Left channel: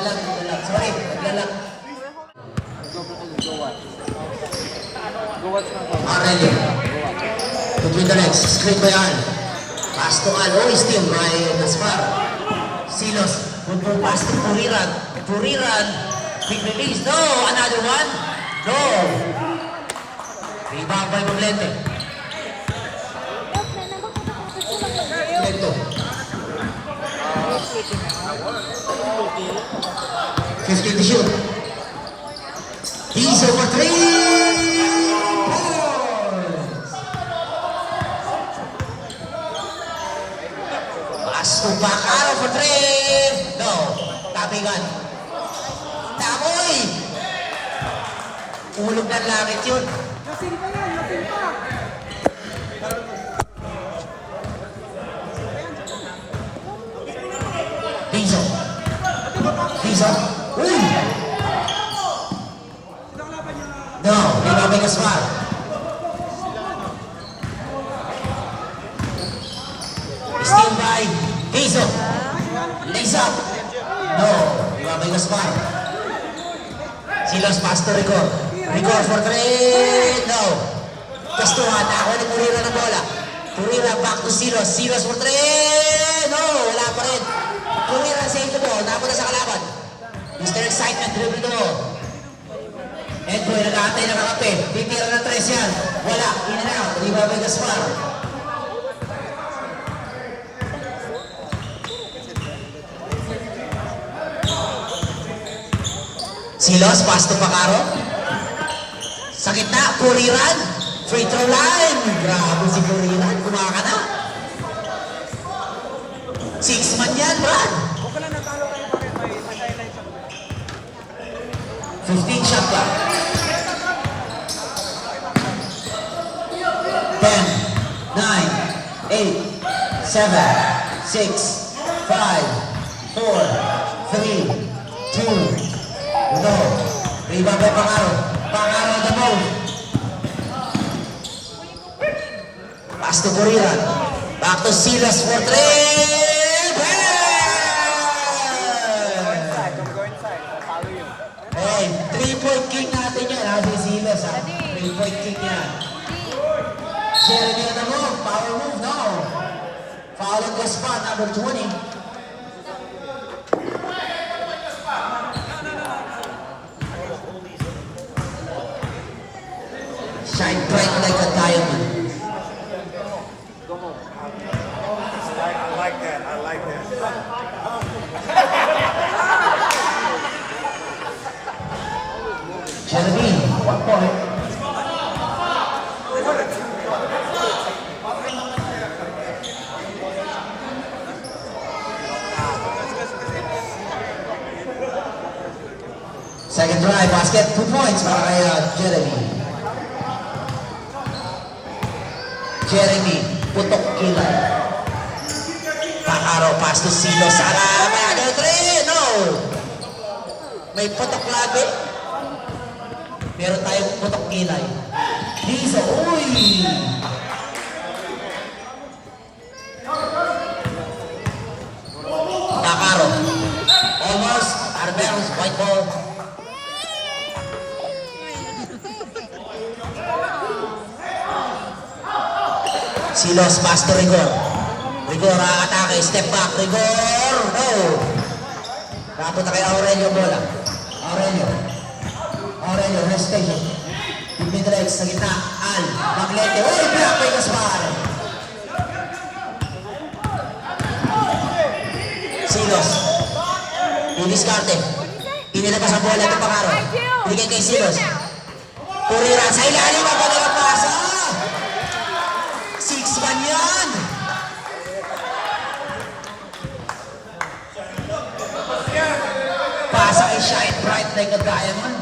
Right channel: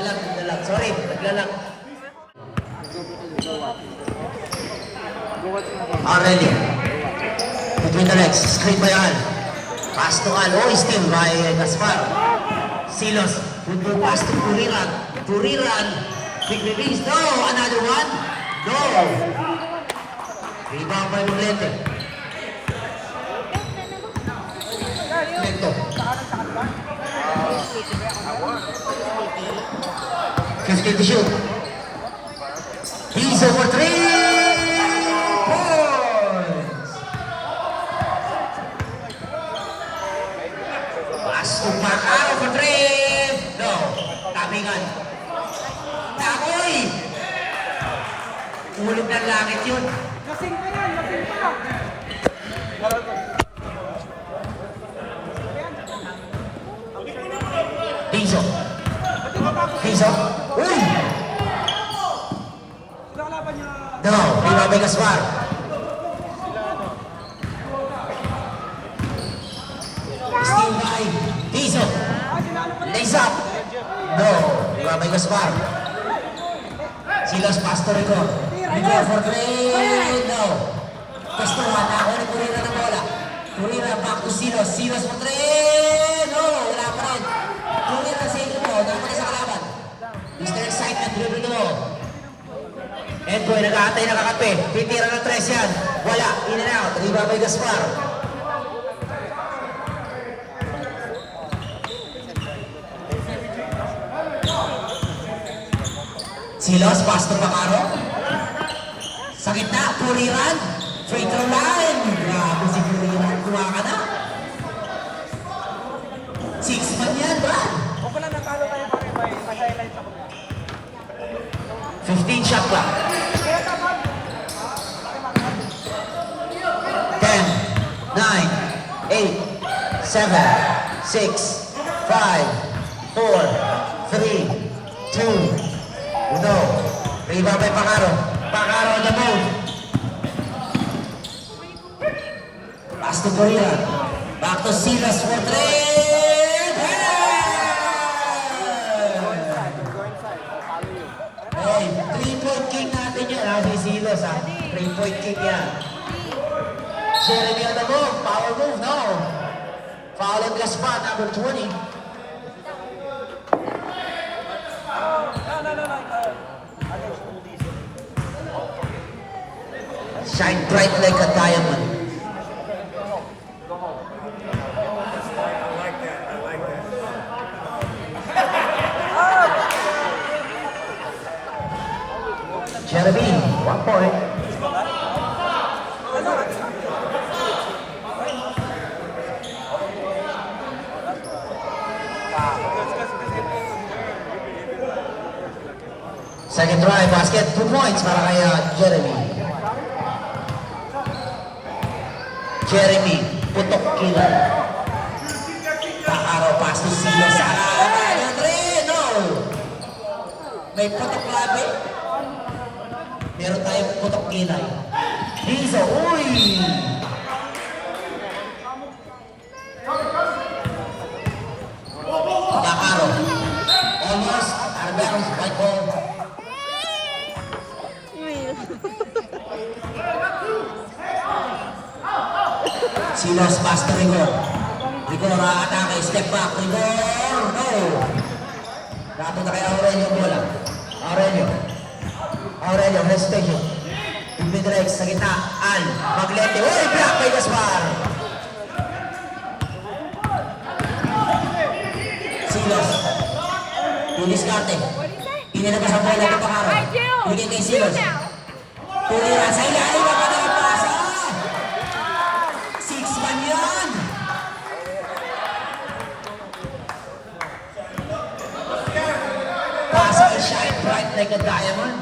Naglalag. Sorry, naglalag. Aurelio. Between the legs. Screen by Al. Pass to Al. Oh, still by Gaspar. Silos. Good ball pass to Puriran. Puriran. Big release. No! Another one. No! Rebound by Maglete. Connecto. 50 to shoot. He's over 3 points. Pass to Bacaro for 3. No. Tamingan. Tamoy! Ulog ng langit yun. Piso. Piso. Uy! No, rebound by Gaspar. Steal by Piso. Lace up. No, rebound by Gaspar. Silos pass to Rico. Rico for 3. No. Kastuhan. Ako ni Purira ng bola. Purira back to Silos. Silos for 3. No, wala pa rin. Purira save the ball. Dako na sa kalaban. Mr. Excitement, dribble no. Edboy, nag-aantay na kakape. Titira ng 3 yan. Wala. In and out. Rebound by Gaspar. Silos, pass to Bacaro. Sa gitna, Puriran. Free throw line. Grabe si Puriran. Kumaha ka na. 6 man yan, Brad. 15 shot clock. 10, 9, 8, 7, 6, 5, 4, 3, 2, no. Rebound by Bacaro. Bacaro on the move. Pass to Puriran. Back to Silas for 3. Hey, 3-point king natin yan. Si Silas ha. 3-point king yan. Jeremy on the move. Power move. No. Foul on Gaspar. Number 20. Shine bright like a diamond. Jeremy, 1 point. Second try, basket, 2 points para kay Jeremy. Jeremy, putok kilay. Bacaro, pass to Silos. Sana, 3, no! May putok lagi. Meron tayong putok kilay. Rizzo, uy! Bacaro. Almost, Arberos, white ball. Silos, pass to Rigor. Rigor, atake, step back, Rigor. No! Napunta kay Aurelio bola. Aurelio, hesitation. Big legs sa gitna. Al, Maglete. Uy, block by Gaspar. Silos. Diniskarte. Inilabas ang bola ng Bacaro. Bigay kay Silos. Puriran sa ilalim ang kanilang pasa. 6-1 yan. Pasa ay shine bright like a diamond.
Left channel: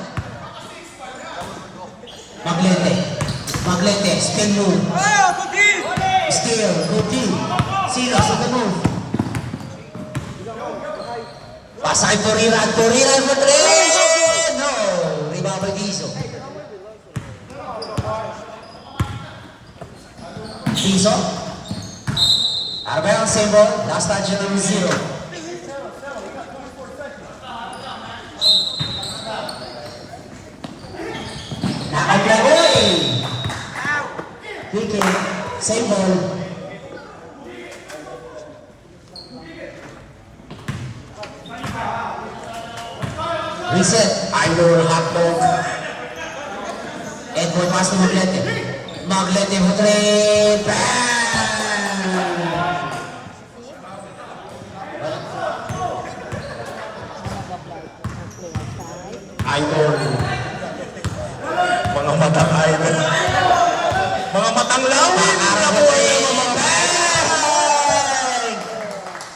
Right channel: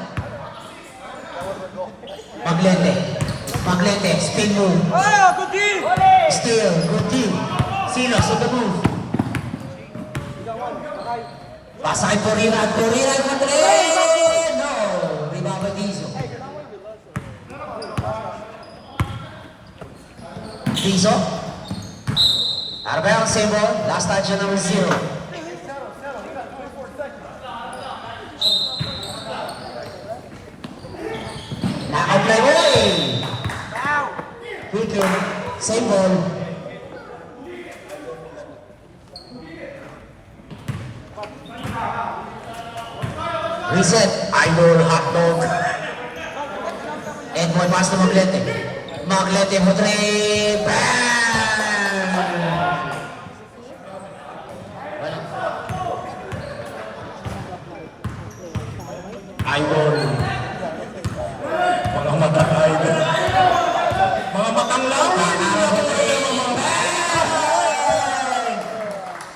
Maglete, spin move. Steal, good team. Silos on the move. Pasa kay Puriran for 3. No, rebound by Rizzo. Rizzo. Arbel, single. Last touch of the 0. again. Same ball. Reset. Idol hotdog. And boy, pass to Maglete. Maglete for three. Bang! Idol. Mga matang idol. Mga matang lawin.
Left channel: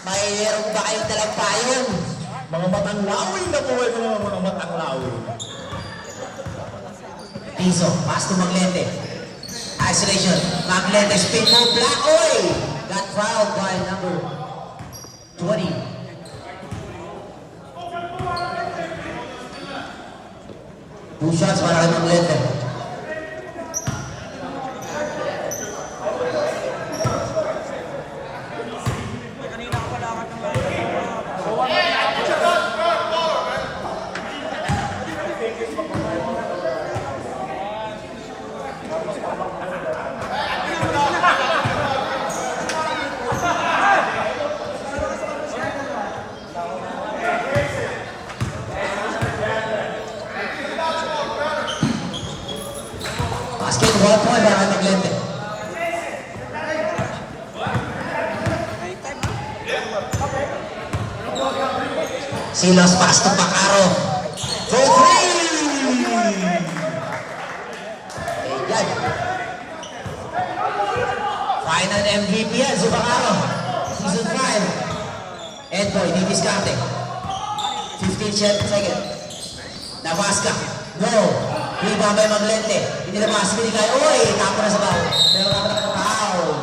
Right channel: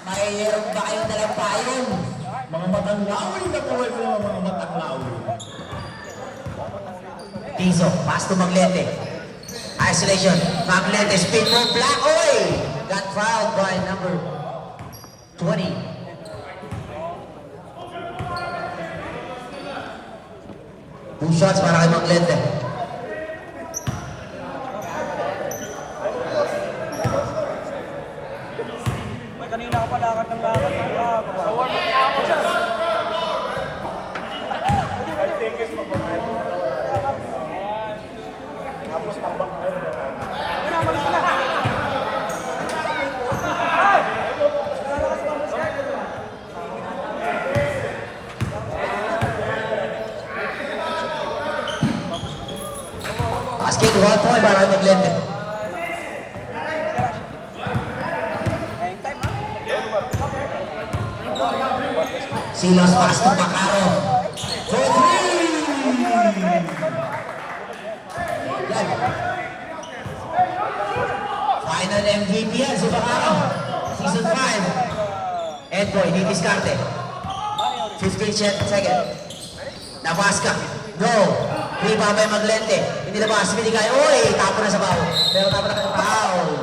Mayroon ba kayong dalang payon? Mga matang lawin na buhay ko naman mga matang lawin. Piso, pass to Maglete. Isolation. Maglete, spin move, black oil. Got fouled by number 20. Two shots para kay Maglete. Kanina ka pala ng lakad. Basket, 1 point para kay Maglete. Silos pass to Bacaro. For three! Yan. Final MVP yan si Bacaro. Season 5. Edboy, di diskarte. 15 seconds. Nabasca. No. Rebound by Maglete. Hindi labas. Binigay. Uy! Tapo na sa bao. Pero tapo na kanyang foul.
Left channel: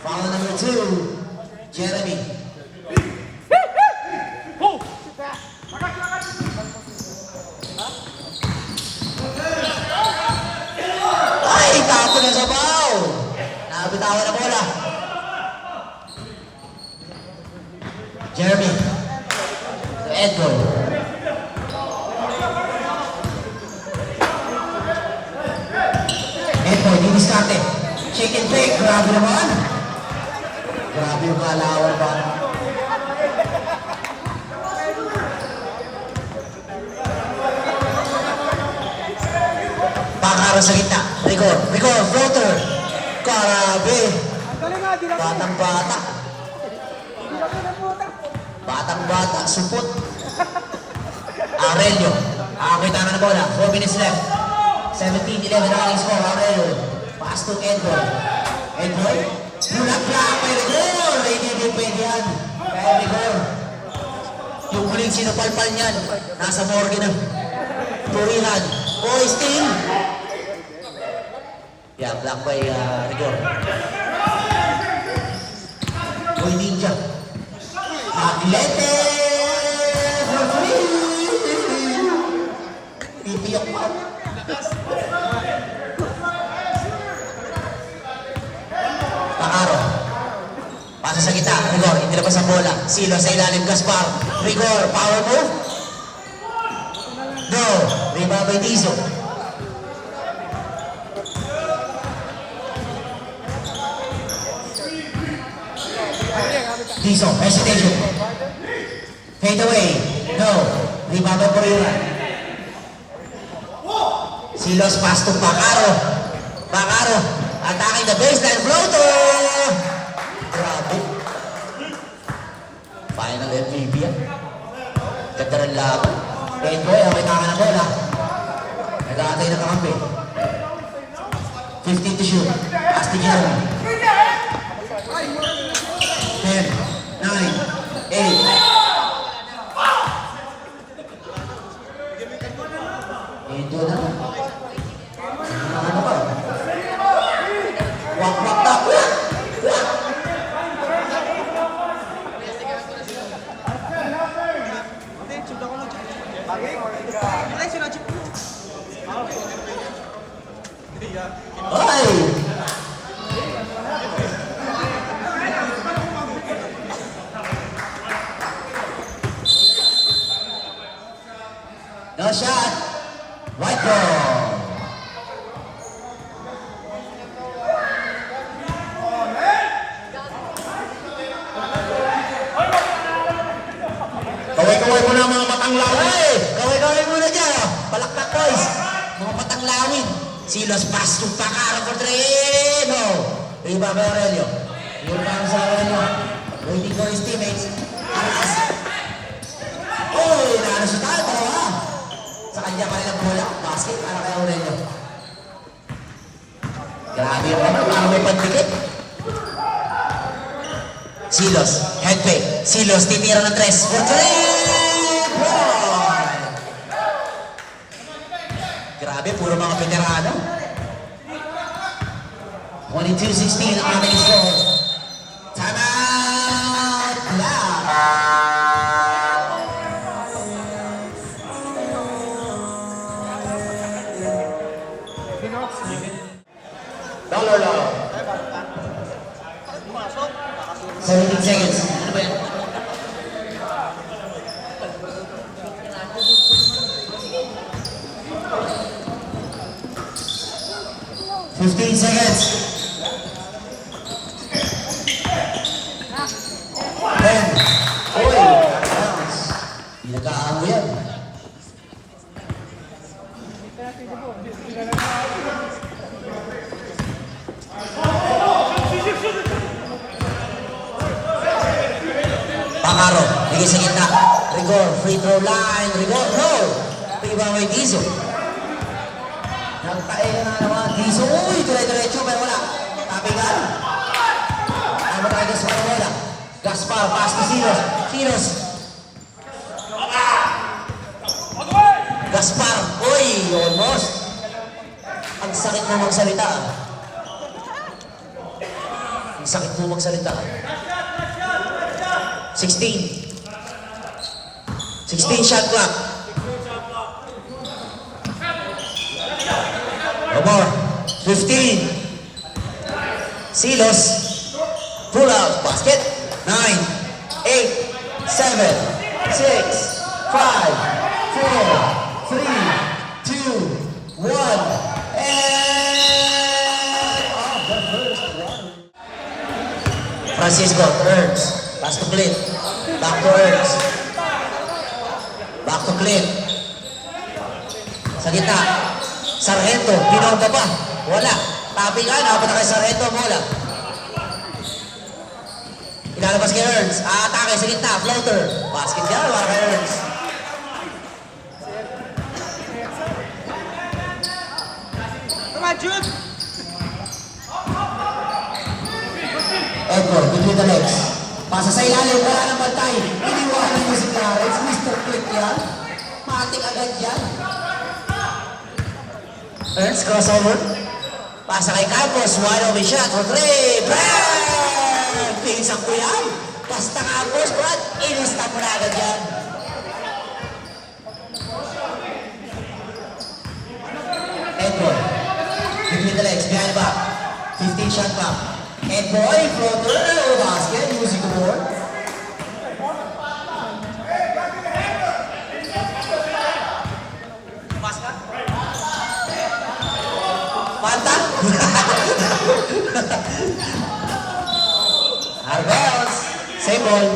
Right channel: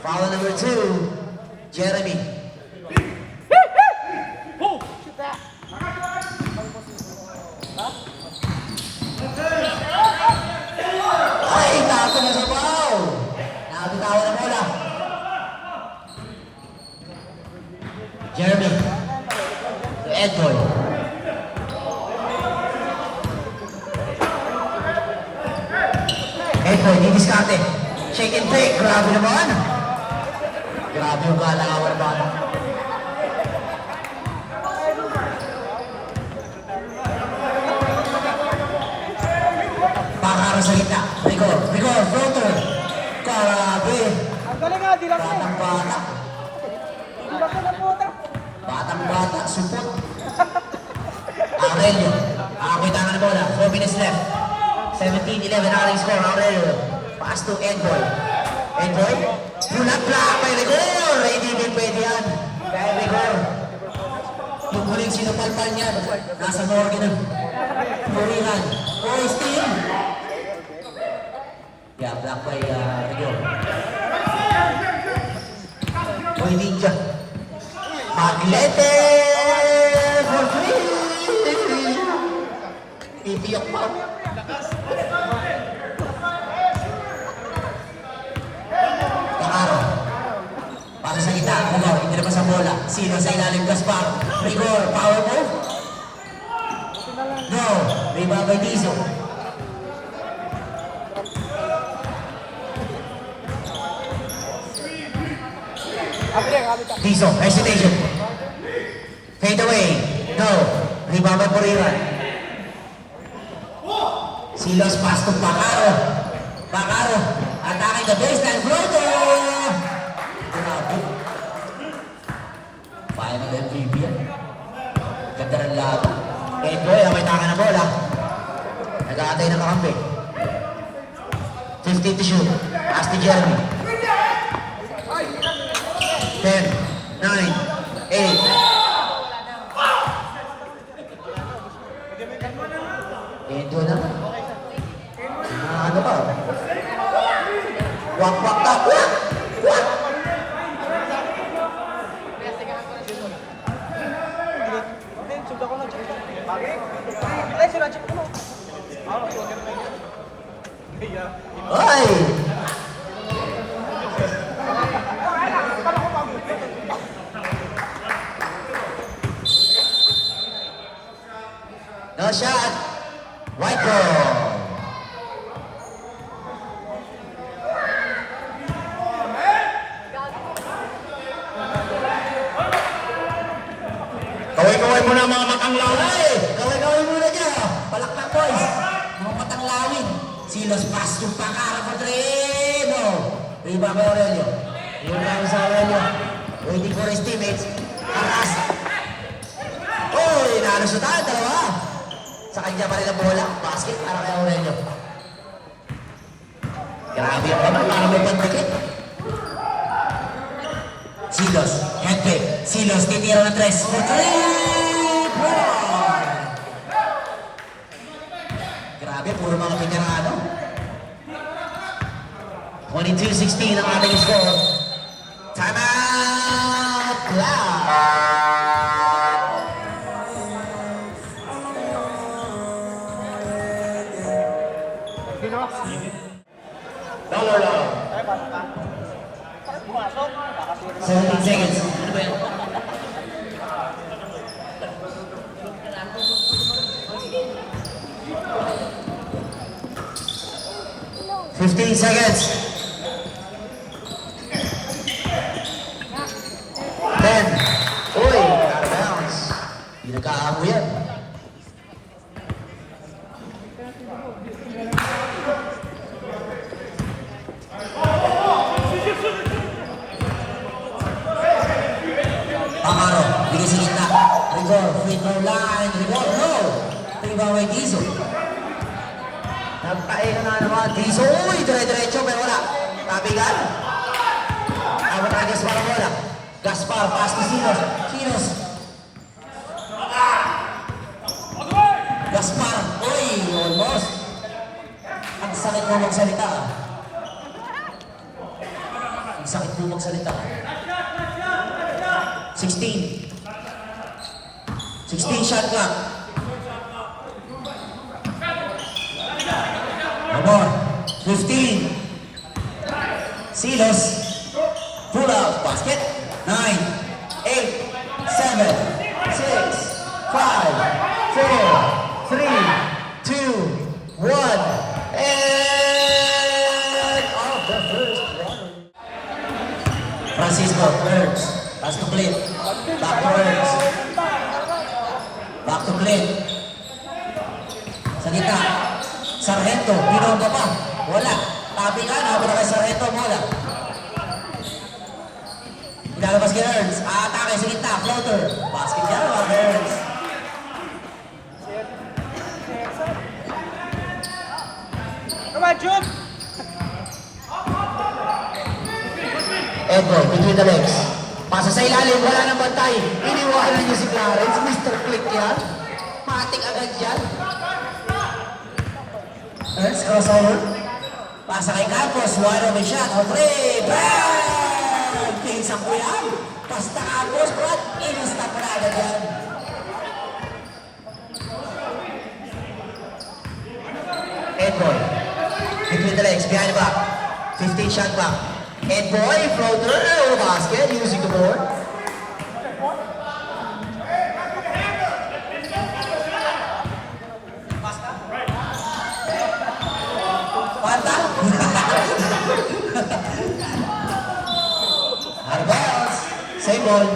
Foul number 2. Jeremy. Ay! Tapo na sa bao. Nabitawan na bola. Jeremy. To Edboy. Edboy, di diskarte. Shake and bake. Grabe naman. Grabe yung kalawar ba? Bacaro sa gitna. Rigor. Rigor. Floater. Grabe. Batang-bata. Batang-bata. Supot. Aurelio. Akitangan na bola. 4 minutes left. 17-11 na kaling score. Aurelio. Pass to Edboy. Edboy. Nag-block by Rigor. Hindi din pwede yan. Kaya Rigor. Yung huling sinapalpal niyan. Nasa morgue na. Turihan. Boy, steal. Yeah, block by Rigor. Boy, ninja. Maglete. For free. Ipiyak pa. Bacaro. Pasa sa gitna. Rigor. Hindi na pa sa bola. Silo sa ilalim. Gaspar. Rigor. Power move. No. Rebound by Tizo. Tizo. Hesitation. Fade away. No. Rebound by Porilla. Silos pass to Bacaro. Bacaro. Attacking the baseline. Floater. Grabe. Final MVP yan. Ganda ng laban. Edboy, may taka na bola. Nag-aantay ng kakampi. 15 to shoot. Pass to Jeremy. 10, 9, 8. Ito na. Ano ba? Wak, wak, tak, wak! Wak! Ay! No shot. White ball. Silos pass to Pacaro for three. No. Rebound by Aurelio. Rebound sa Aurelio. Waiting for his teammates. Aras. Uy, nalusutan. Dalawa. Sa kanya pa rin ang bola. Basket. Aras kay Aurelio. Grabe yung kamay. Parang may pandikit. Silos. Headpick. Silos. Titira ng tres. For three. Grabe, puro mga veterano. 22-16 ang ating score. Time out! Dollar lang. 17 seconds. Ano ba yan? Fifteen seconds. 10. Uy, bounce. Hindi nagkakamo yan. Pacaro, bigay sa gitna. Rigor, free throw line. Rigor, no! Rebound by Dizzo. Nagpae na naman. Dizzo, uy! Dire-diretso, pero wala. Tabigan. Amo tayo Gaspar ang bola. Gaspar, pass to Silos. Silos. Gaspar, uy! Almost. Ang sakit mo magsalita. Ang sakit mo magsalita. 16. 16 shot clock. Abor. 15. Silos. Pull out. Basket. 9, 8, 7, 6, 5, 4, 3, 2, 1. And... Francisco, Burns. Pass to Clint. Back to Burns. Back to Clint. Sa gitna. Sargento, pinonda pa. Wala. Tabi ka, nakapit na kay Sargento, mola. Ilalabas kay Ernst. Atake sa gitna, floater. Basket niya, wala kay Ernst. Edward, between the legs. Pasa sa ilalim, wala ng bantay. Iniwanan niyo si Clarence, Mr. Click yan. Matik agad yan. Ernst, crossover. Pasa kay Campos, one of a shot for three. Brad! Pinsang ko yan. Basta Campos, Brad, inista mo na agad yan. Edboy, between the legs, behind the back. 15 shot back. Edboy, floater, basket, using the board. Arbels, same ball.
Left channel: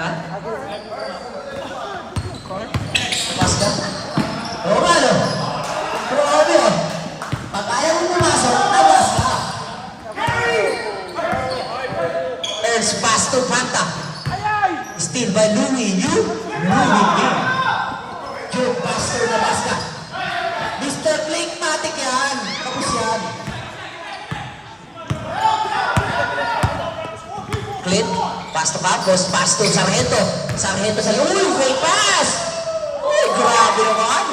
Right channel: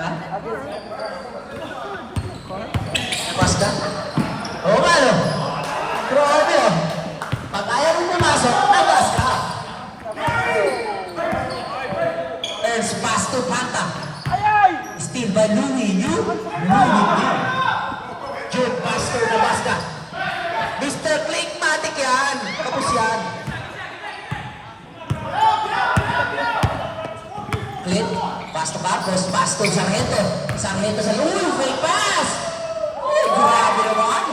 Ha? Pass ka? Oo nga, no? Grabe, oh. Pag ayaw mo pumasok, nabas ka. Ernst, pass to Panta. Steal by Louie. You? Juke, pass to nabas ka. Mr. Clickmatic yan. Tapos yan. Clint, pass to Campos, pass to Sargento. Sargento sa uy, fake pass! Uy, grabe naman!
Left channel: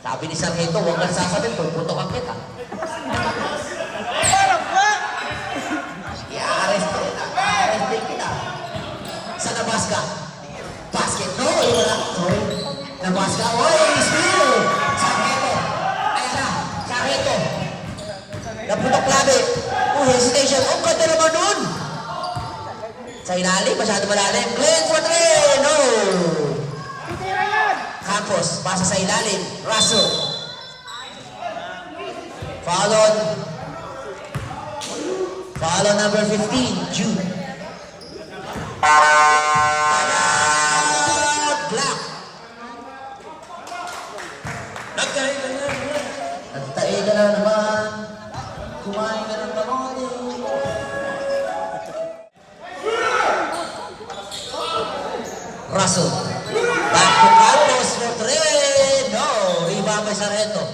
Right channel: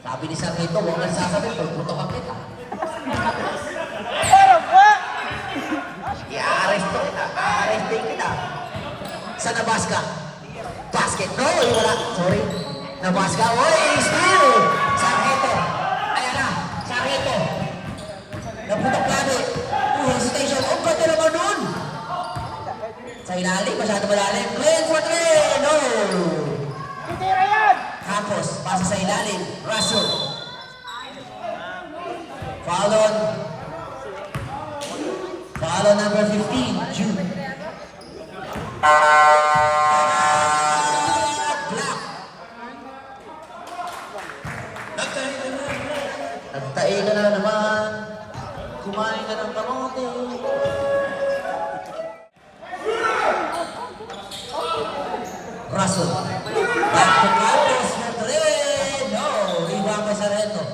Sabi ni Sargento, huwag kang sasabihin, pagputokan kita. I-arresto kita. Sa Nebraska. Basket, no, wala. Sorry. Nebraska, uy, steal! Sargento. Ayan na, Sargento. Naputok labi. Hesitation. Ang ganda naman nun. Sa ilalim, masyado malalim. Glenn for three. No. Campos, pasa sa ilalim. Russell. Follow number 15, Jude. Block. Russell. Back to Campos for three. No, ibaba Sargento.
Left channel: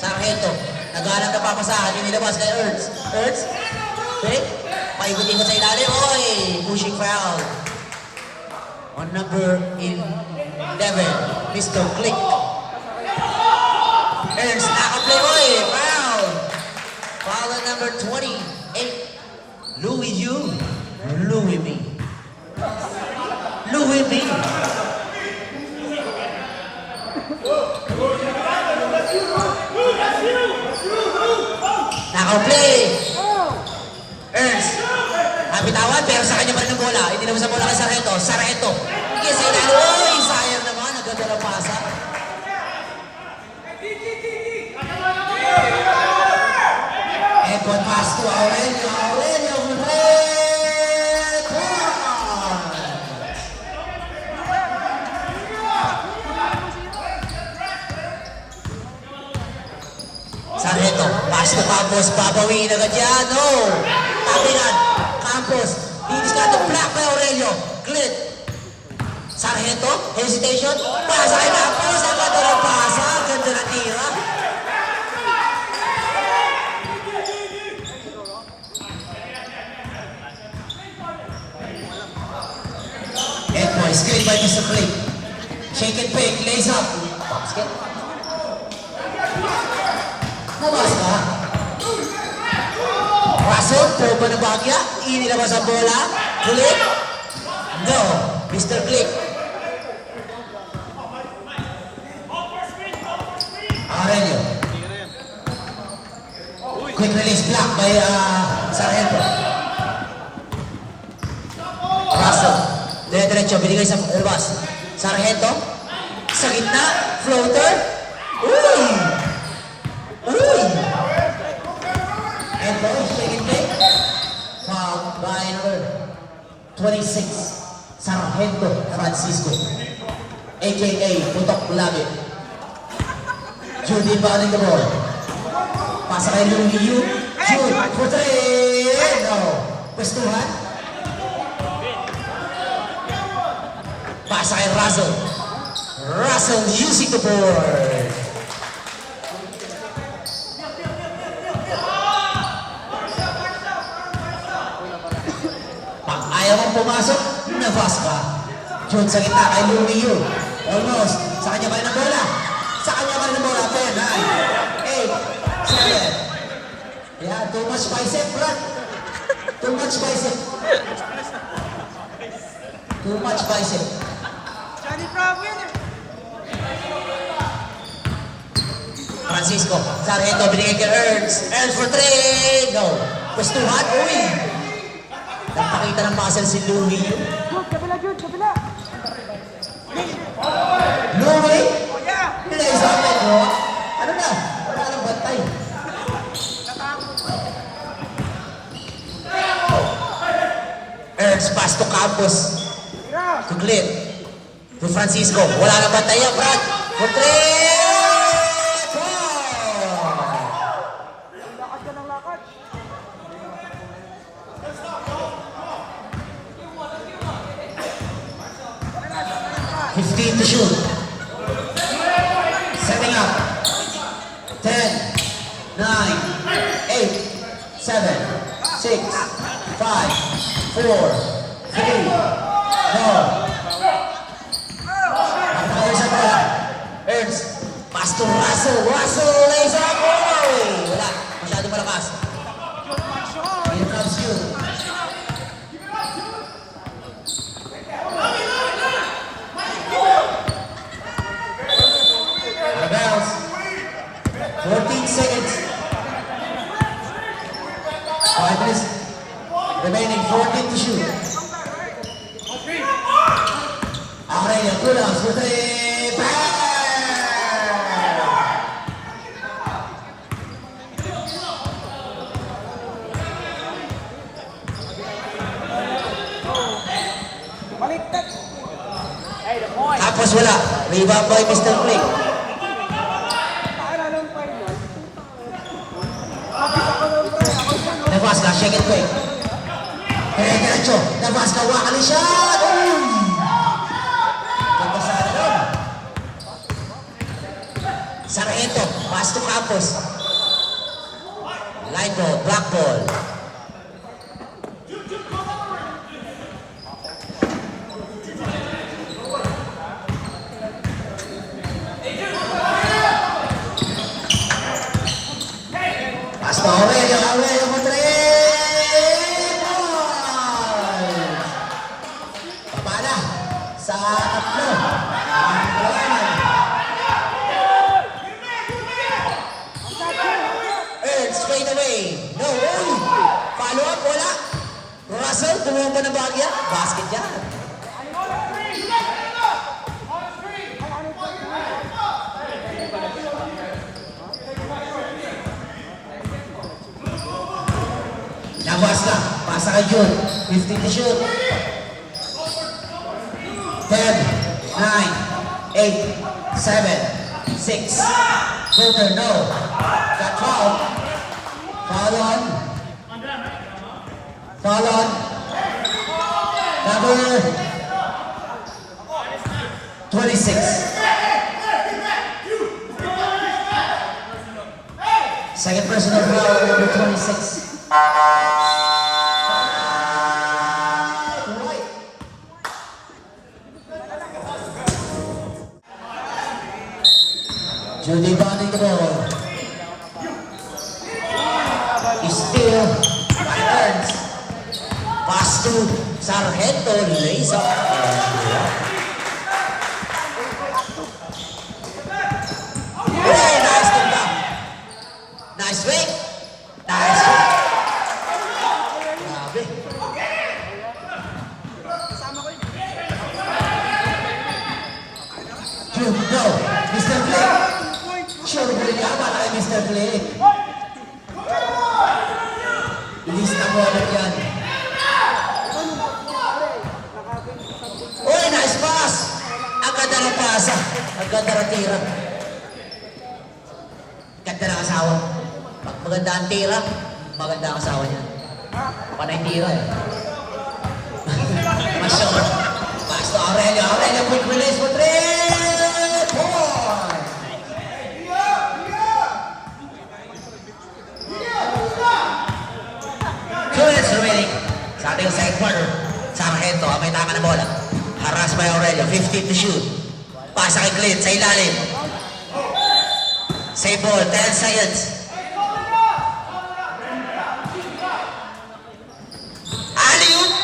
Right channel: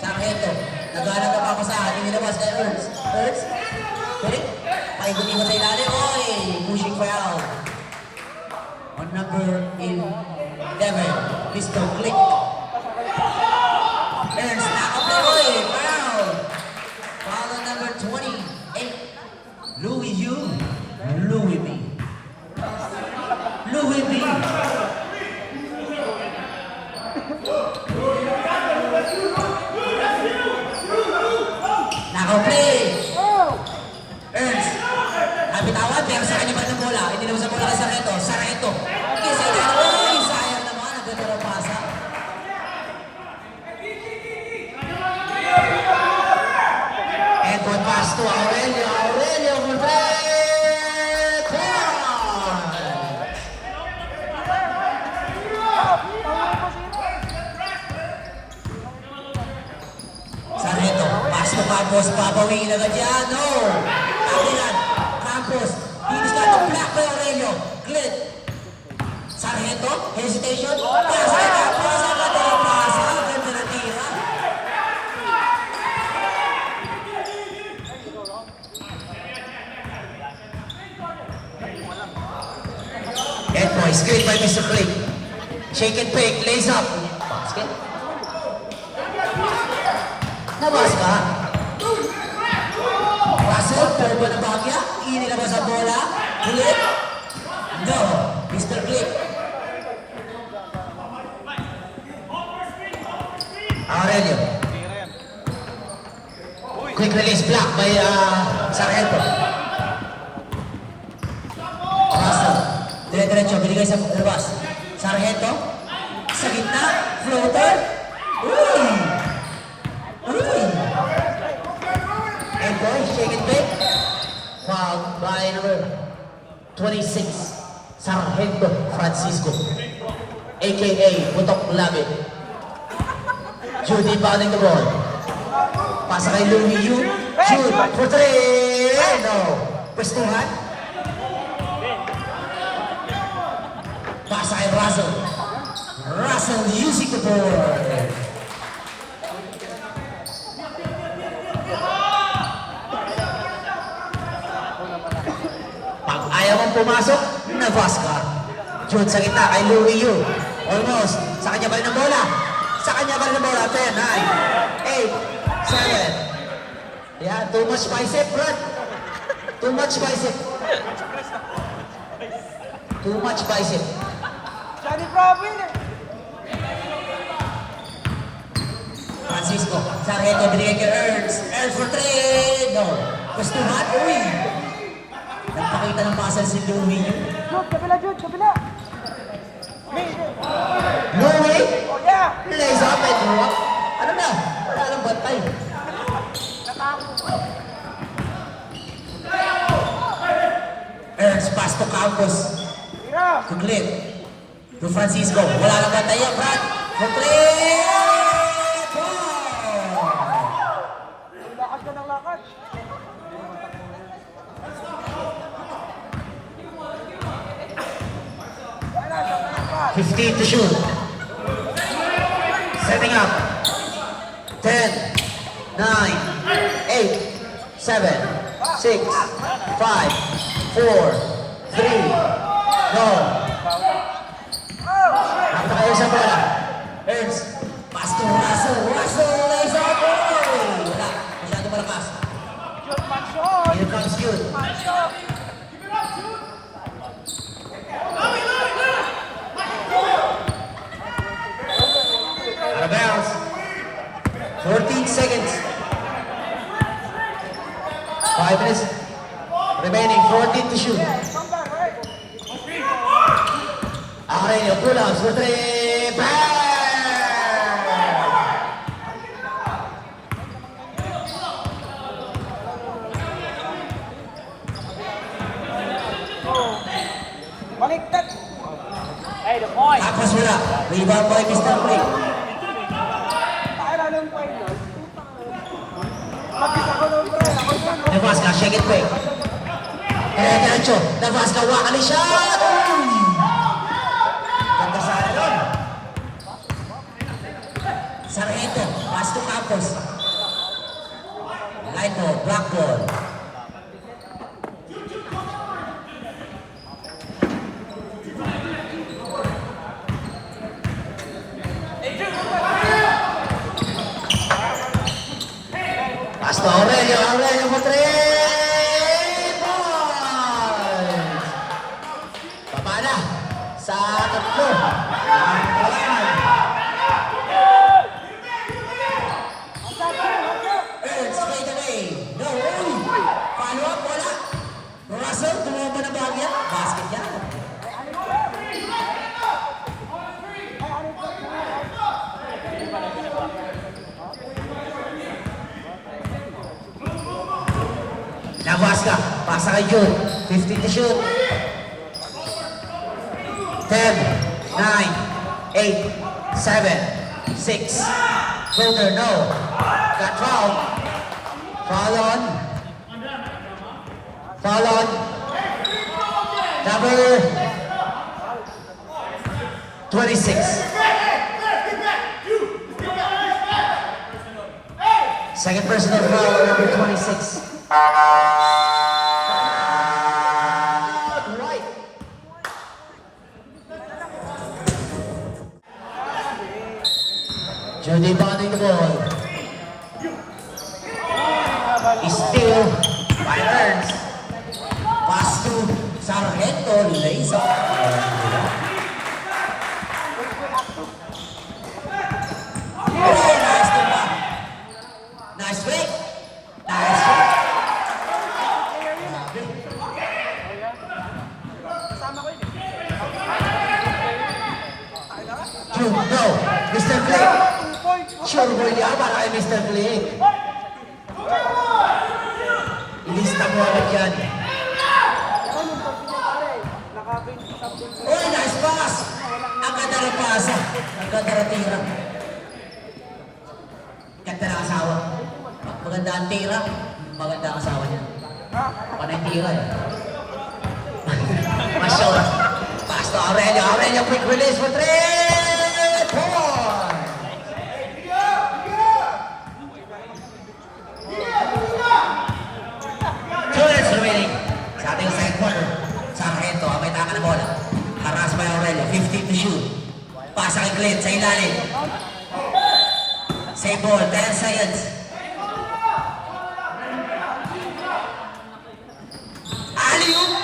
Sargento. Naghanap na papasahan. Inilabas kay Ertz. Ertz. Quick. Paikot-ikot sa ilalim. Oy, pushing foul. On number 11, Mr. Glick. Ernst nakaplay. Oy, foul. Foul on number 28. Louis U. Louis B. Louis B. Nakaplay. Ernst. Nabitawan pero sa kanya pa rin ang bola. Hindi naman sa bola kay Sargento. Sargento. Hindi sa inalo. Oy, sayang naman. Ang ganda ng pasa. And one pass to Aurelio. Aurelio for red. Sargento. Pass to Campos. Babawin agad yan. No. Tabilan. Campos. Dinis ka the block by Aurelio. Glit. Sargento. Hesitation. Pasa kay Campos. Ang ganda ng pasa. Ang ganda ng tira. Head boy, screen by Mr. Clay. Shake and fake, lays up. Basket. Nabas ka. Russell, poba na bagya. Inilabas ang bola. Clip. No. Mr. Clip. Aurelio. Quick release block by Sargento. Russell. Dire-diretso, binigay sa labas. Sargento. Sa gitna. Floater. Uy! Uy! And boy, shake and bake. Foul by number 26. Sargento Francisco. A.K.A. Putok Labi. Judy fouling the ball. Pasa kay Lumiyu. Jude for three. No. Pwestuhan. Pasa kay Russell. Russell using the board. Pag ayaw mong pumasok, nabas ka. Jude sa gitna kay Lumiyu. Almost. Sa kanya pa rin ang bola. Sa kanya pa rin ang bola. 10, 9, 8, 7. Yeah, too much bicep, Brad. Too much bicep. Too much bicep. Johnny Bravo. Francisco. Sargento binigay kay Ernst. Ernst for three. No. Pwestuhan. Uy. Nagpakita ng muscle si Louis. Jude, kabila, Jude, kabila. Louis. Oh, yeah. Lays up it. Oh. Ano na? Wala lang batay. Ernst pass to Campos. To Glenn. To Francisco. Wala lang batay yan, Brad. For three. Lakad ka ng lakad. 15 to shoot. Setting up. 10, 9, 8, 7, 6, 5, 4, 3, no. Nakatayo sa bola. Ernst. Pass to Russell. Russell lays up. Oh! Wala. Masyado malakas. Here comes Jude. Out of bounds. 14 seconds. 5 minutes remaining. 14 to shoot. Aurelio pull-ups for three. Bang! Baliktad. Tapos wala. Rebound by Mr. Blake. Navasca, shake it quick. Diretso. Navasca, wakali siya. Bacchus. Line ball, black ball. Hasta Aurelio, Aurelio for 3 points. Papala sa tatlo. Earn straight away. No, uy! Follow up, wala. Russell, tumumpa na bagya. Basket yan. Nabas ka. Pasa kay June. 15 to shoot. 10, 9, 8, 7, 6. Golder, no. Got foul. Foul on. Foul on. Number 26. Second personal foul, number 26. Right. Judy bonding the ball. Still by Ernst. Pass to Sargento, lays off. Hey, nice to back. Nice fake. Nice fake. Grabe. True, no. Mr. Blake. Sure mo yan, baka kay Mr. Blake. Ilista mo agad yan. Uy, nice pass! Ang ganda ng pasa. Ang ganda ng tira. Ganda ng asawa. Maganda ang tira. Maganda ang asawa niya. Panay tira eh. Masyol. Pass to Aurelio. Aurelio, quick release for 3 points! 2 minutes remaining. Sa ating second quarter. Sargento, ang may tama na bola. Haras by Aurelio. 15 to shoot. Pasa kay Clint sa ilalim. Save ball. 10 seconds. Alley-oop.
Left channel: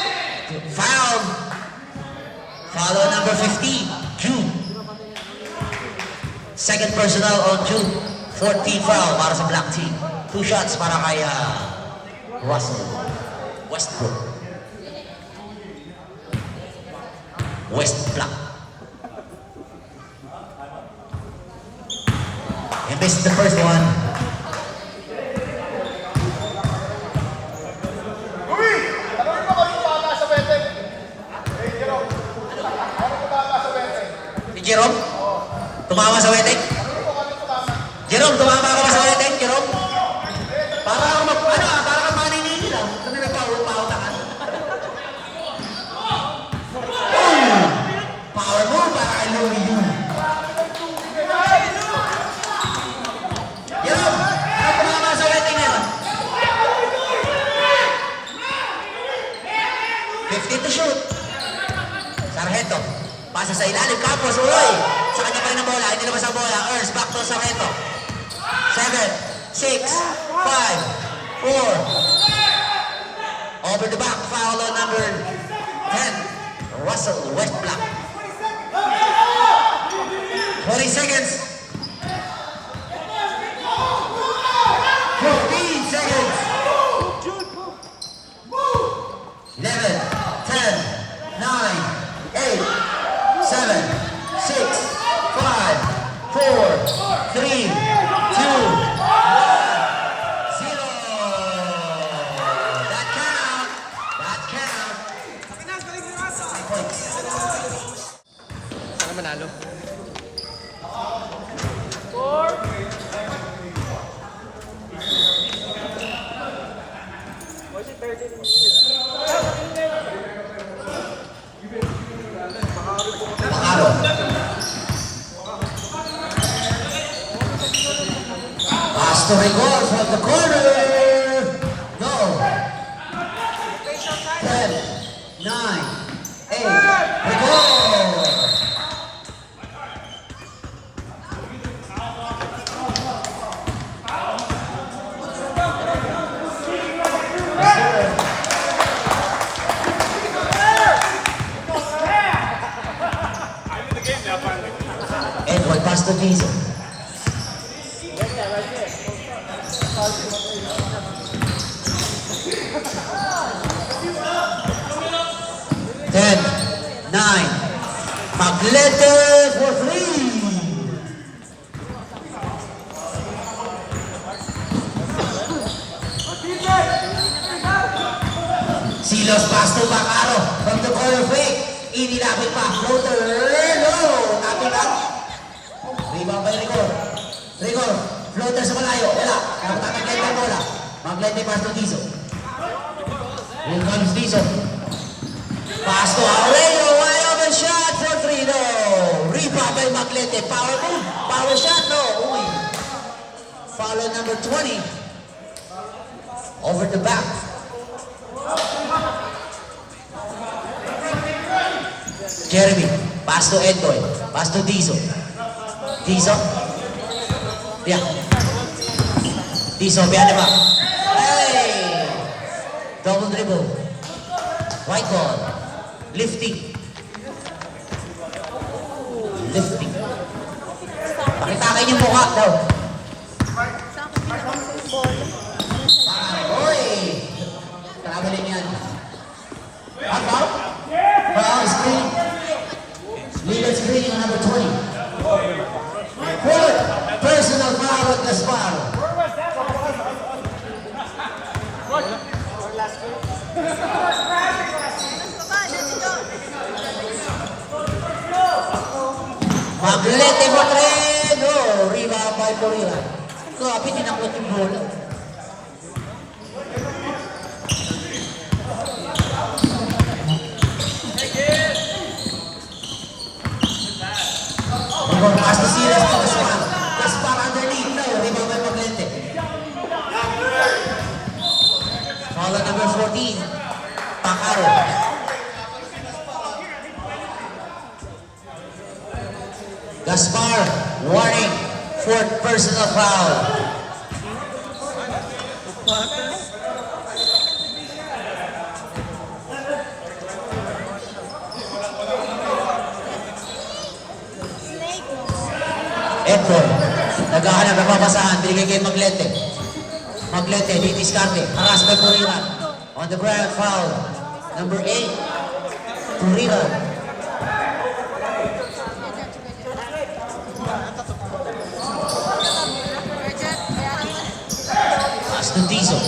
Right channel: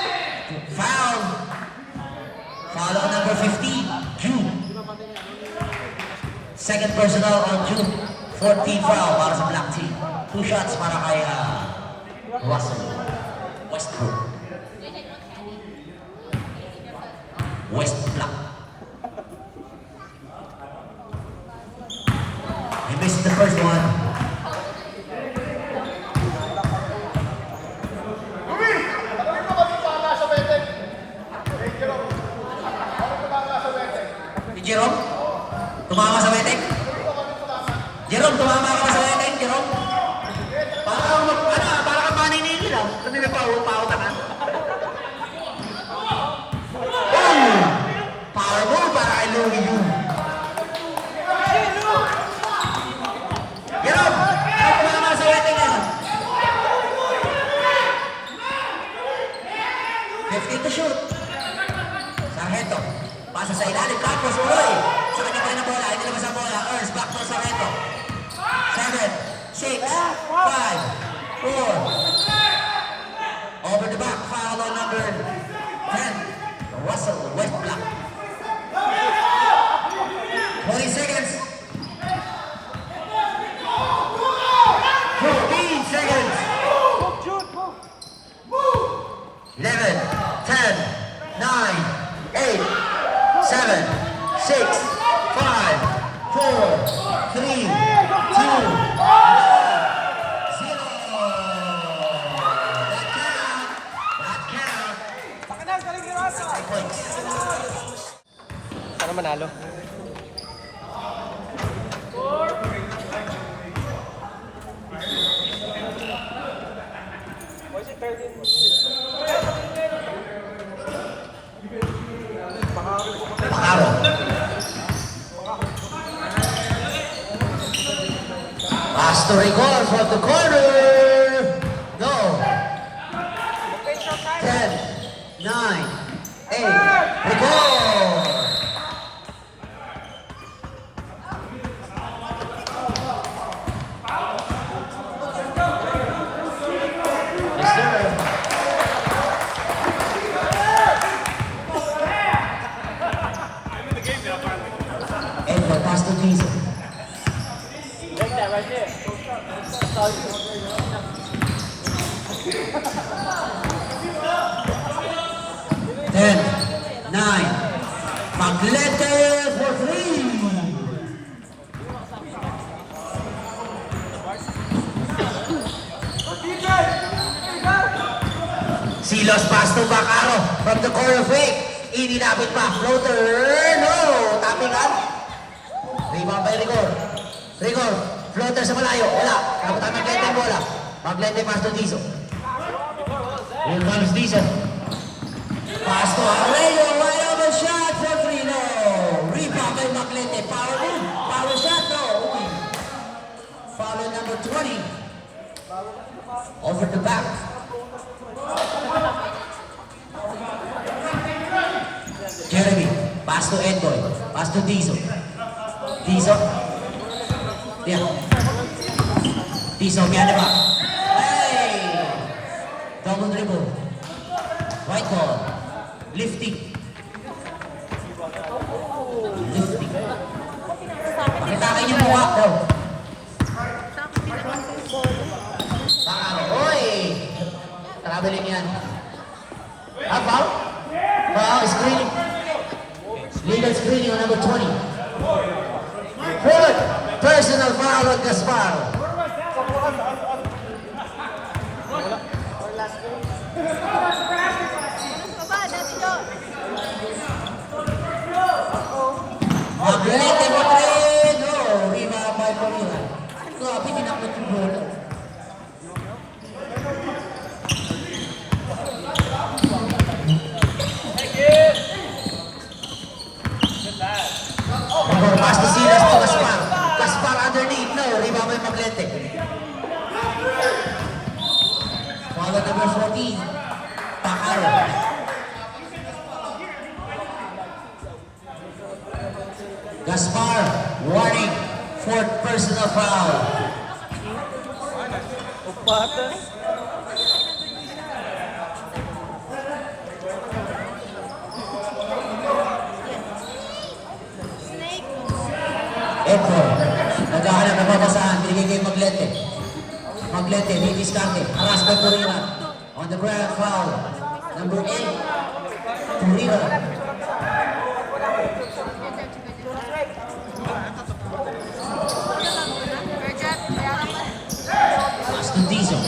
Foul. Foul on number 15. June. Second personal on June. 14 foul para sa black team. 2 shots para kay Russell Westbrook. West Black. He missed the first one. Jerome? Tumama sa wedding? Jerome, tumama ka na sa wedding, Jerome? Para kang maninili lang. Kasi nagpahutakan. Oh! Power move para kay Louie Yu. Jerome, ano tumama sa wedding niya? 15 to shoot. Sargento. Pasa sa ilalim. Campos, uloy. Sa kanya pa rin ang bola. Hindi naman sa bola. Ernst, back to Sargento. 7, 6, 5, 4. Over the back. Foul on number 10. Russell Westbrook. 20 seconds. 15 seconds. 11, 10, 9, 8, 7, 6, 5, 4, 3, 2, 1, 0. That count. That count. Sana manalo. Pacaro. to Rigor from the corner. No. 10, 9, 8. Rigor. Edward pass to Diesel. Ten, 9. Maglete for 3. Silos pass to Bacaro from the corner fake. Inilabot pa. Floater. No. Tapping out. Rebound by Rigor. Rigor. Floater sa malayo. Wala. Dapat Maglete ang bola. Maglete pass to Tizo. Here comes Tizo. Pass to Aurelio. Wide open shot for 3. No. Rebound by Maglete. Power move. Power shot. No. Uy. Follow number 20. Over the back. Jeremy, pass to Eddoy, pass to Diesel. Diesel. Yeah. Diesel behind the back. Hey! Double dribble. White ball. Lifting. Lifting. Pakitakin yung mukha daw. Oy! Traveling yan. About? Wow, screen. Legal screening on number 20. Fourth personal foul with Gaspar. Maglete mo tren. No, rebound by Purina. So, api tinakot yung bola. Pass to Silas to Gaspar. Gaspar underneath. No, rebound by Maglete. Follow number 14. Bacaro. Gaspar, warning. Fourth personal foul. Edward, naghahanap ng mabasahan, binigay kay Maglete. Maglete, didiskarte, haras by Purina. On the ground, foul. Number 8, Purina. Pass to Diesel.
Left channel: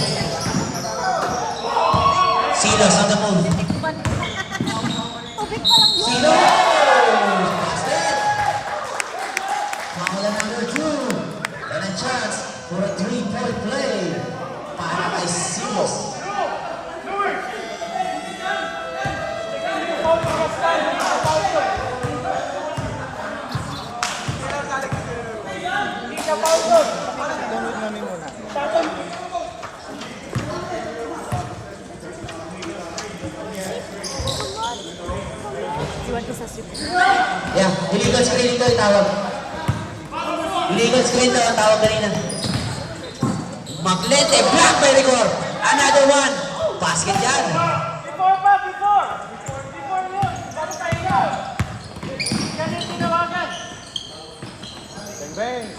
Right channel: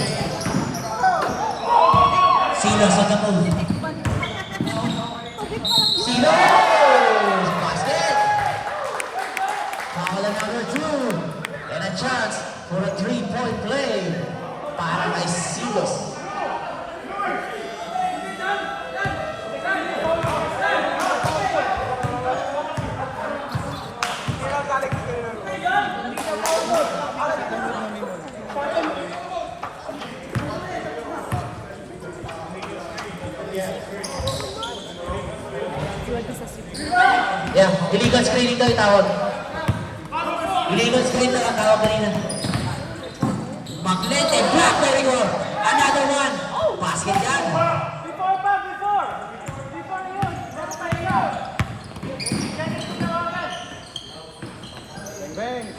Silas on the move. Silas! Foul number 2. And a chance for a 3-point play para kay Silos. Yeah, illegal screen ito yung tawag. Illegal screen ito ang tawag kanina. Maglete, block by Rigor. Another one. Basket yan.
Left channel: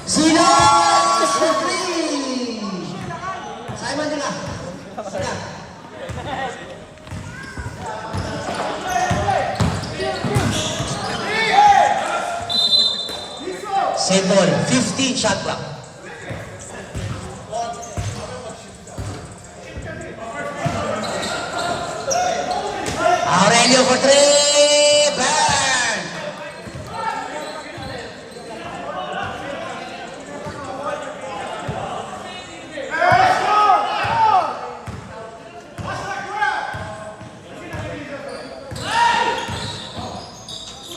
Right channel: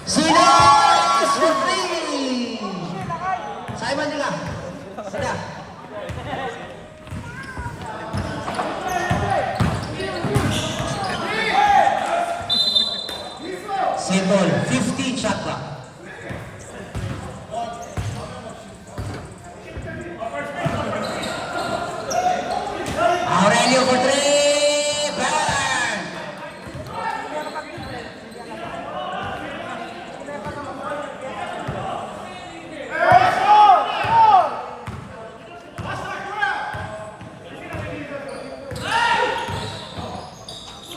Silas! With three! Simon nila. Sila. Save ball. 15 shot clock. Aurelio for 3. Burn!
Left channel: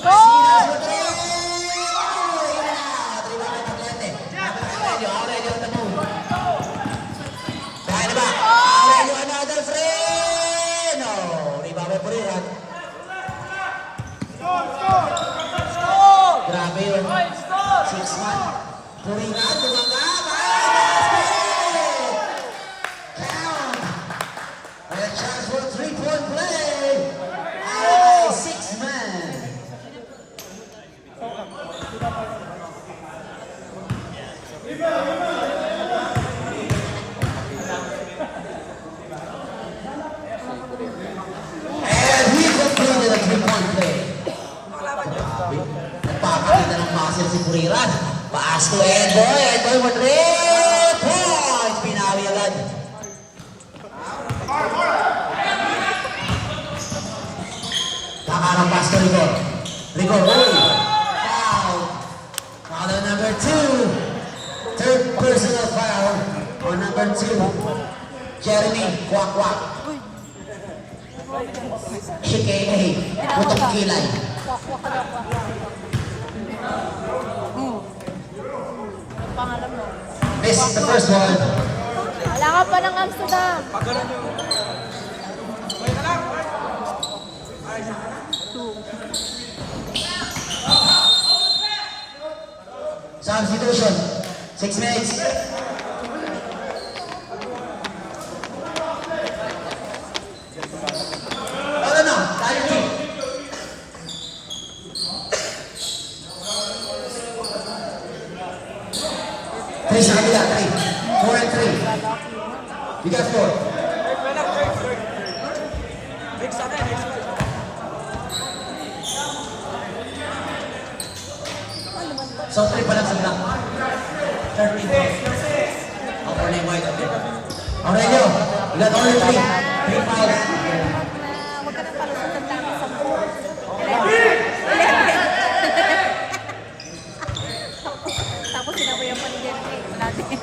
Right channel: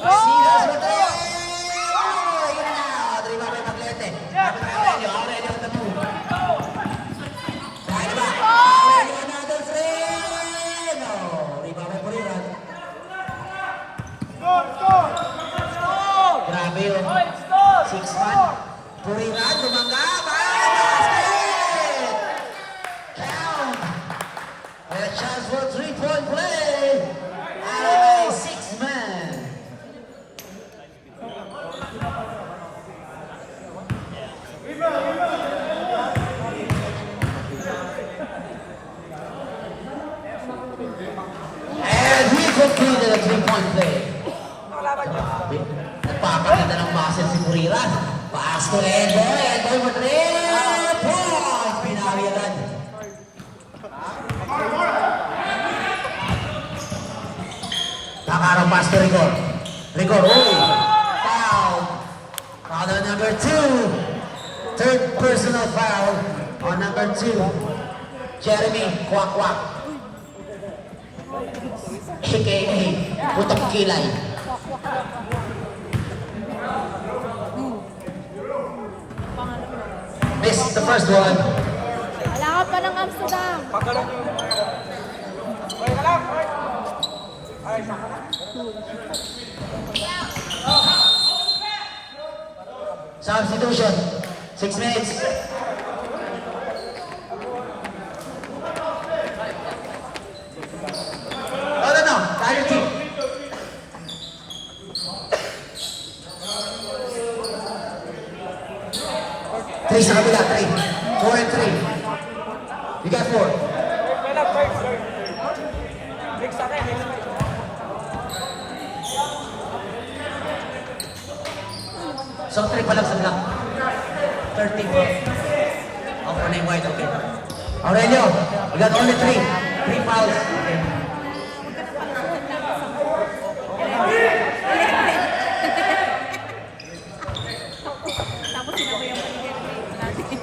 Silas for 3. Aurelio on the move. Puriran, dumangga. Basket! Count. A chance for 3-point play. Ay, 6-man. And he concluded a 3-point play. Grabe. Nagpapakita ng muscle si Puriran. Pass to Edboy. Edboy mo 3 points. Pinawi agad. Nakarang pass to Rigor. Rigor, uy. Foul. Foul on number 2. Third personal foul on number 2. Jeremy Kwak-Kwak. AKA Putok Kilay. Missed the first one. Wala ka pa ng Amsterdam. Substitution. 6 minutes. No. Tayo two. Three sa kabila. 3. 4 and 3. You got 4. So 3 pa lang sa black. 13. Ako na yung white. Okay. Aurelio, you got only 3. 3 fouls. Okay. Tapos sinabayan pa ni Jeremy natin.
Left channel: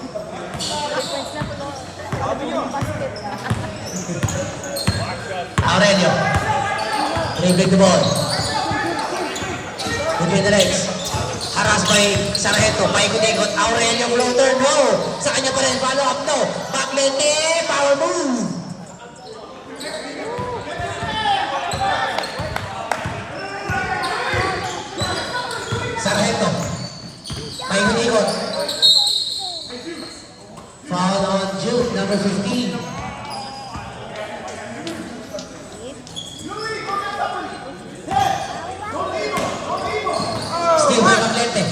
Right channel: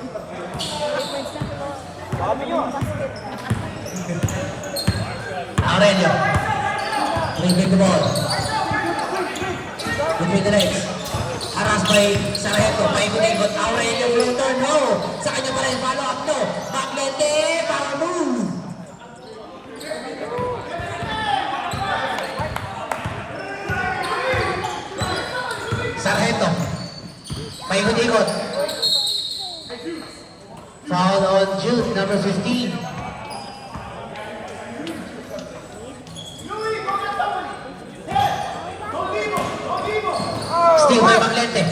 Aurelio. Dribbling the ball. Between the legs. Haras by Sargento. Paikot-ikot. Aurelio floater. No. Sa kanya pa rin. Follow up. No. Backlete. Power move. Sargento. Paikot-ikot. Foul on Jude. Number 15. Steal by Backlete.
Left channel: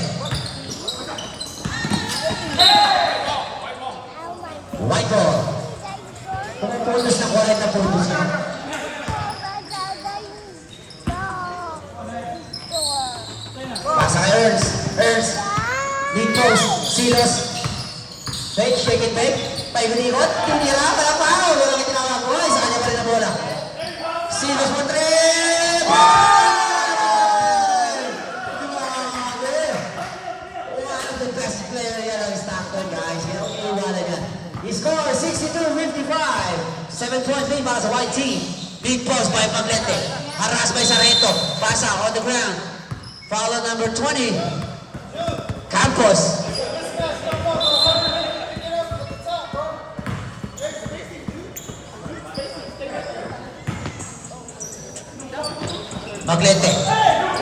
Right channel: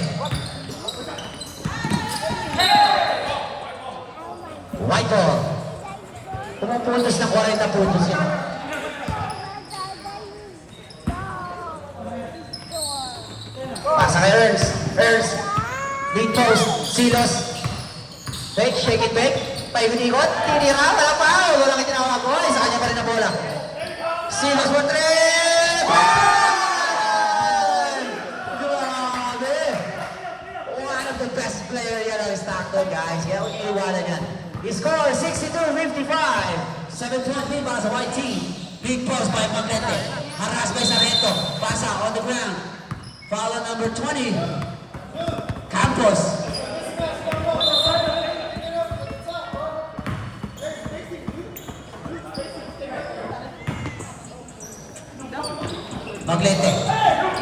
White ball. Pumupuntos na 40 puntos na. Pasa kay Ernst. Ernst. Deep post. Silos. Fake, shake it, fake. Paikot-ikot. Tinira. Talapaw. Walang itinawag ko. Sa kanya pa rin na bola. Silos mo 3. One of the best player yan ang Stockton, guys. Kaya huwag niyo iwanan yan. He scored 62-55. 7-point lead para sa white team. Big post by Maglete. Haras by Sargento. Pasa on the ground. Foul on number 20. Campos. Maglete.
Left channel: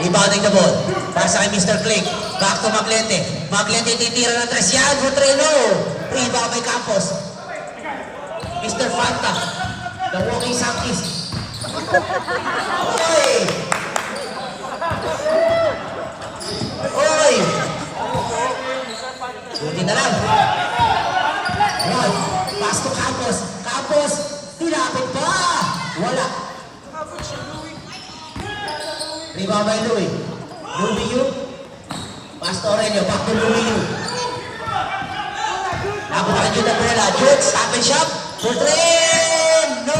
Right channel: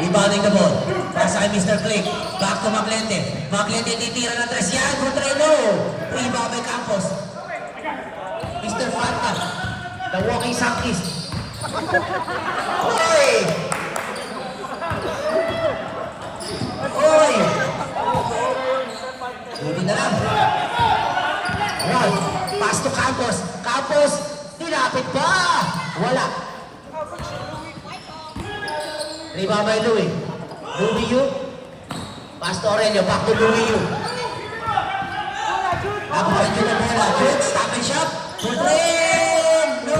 Rebounding the ball. Pasa kay Mr. Click. Back to Maglete. Maglete titira ng 3. Yan for 3 low. Rebound by Campos. Mr. Fanta. The walking Sankis. Oy! Oy! Pwede na lang. Right. Pass to Campos. Campos. Tinapit pa. Wala. Rebound by Louie. Louie Yu. Pass to Aurelio. Back to Louie Yu. Nakuha dito na bola. Good. Stop and shot. For 3. No.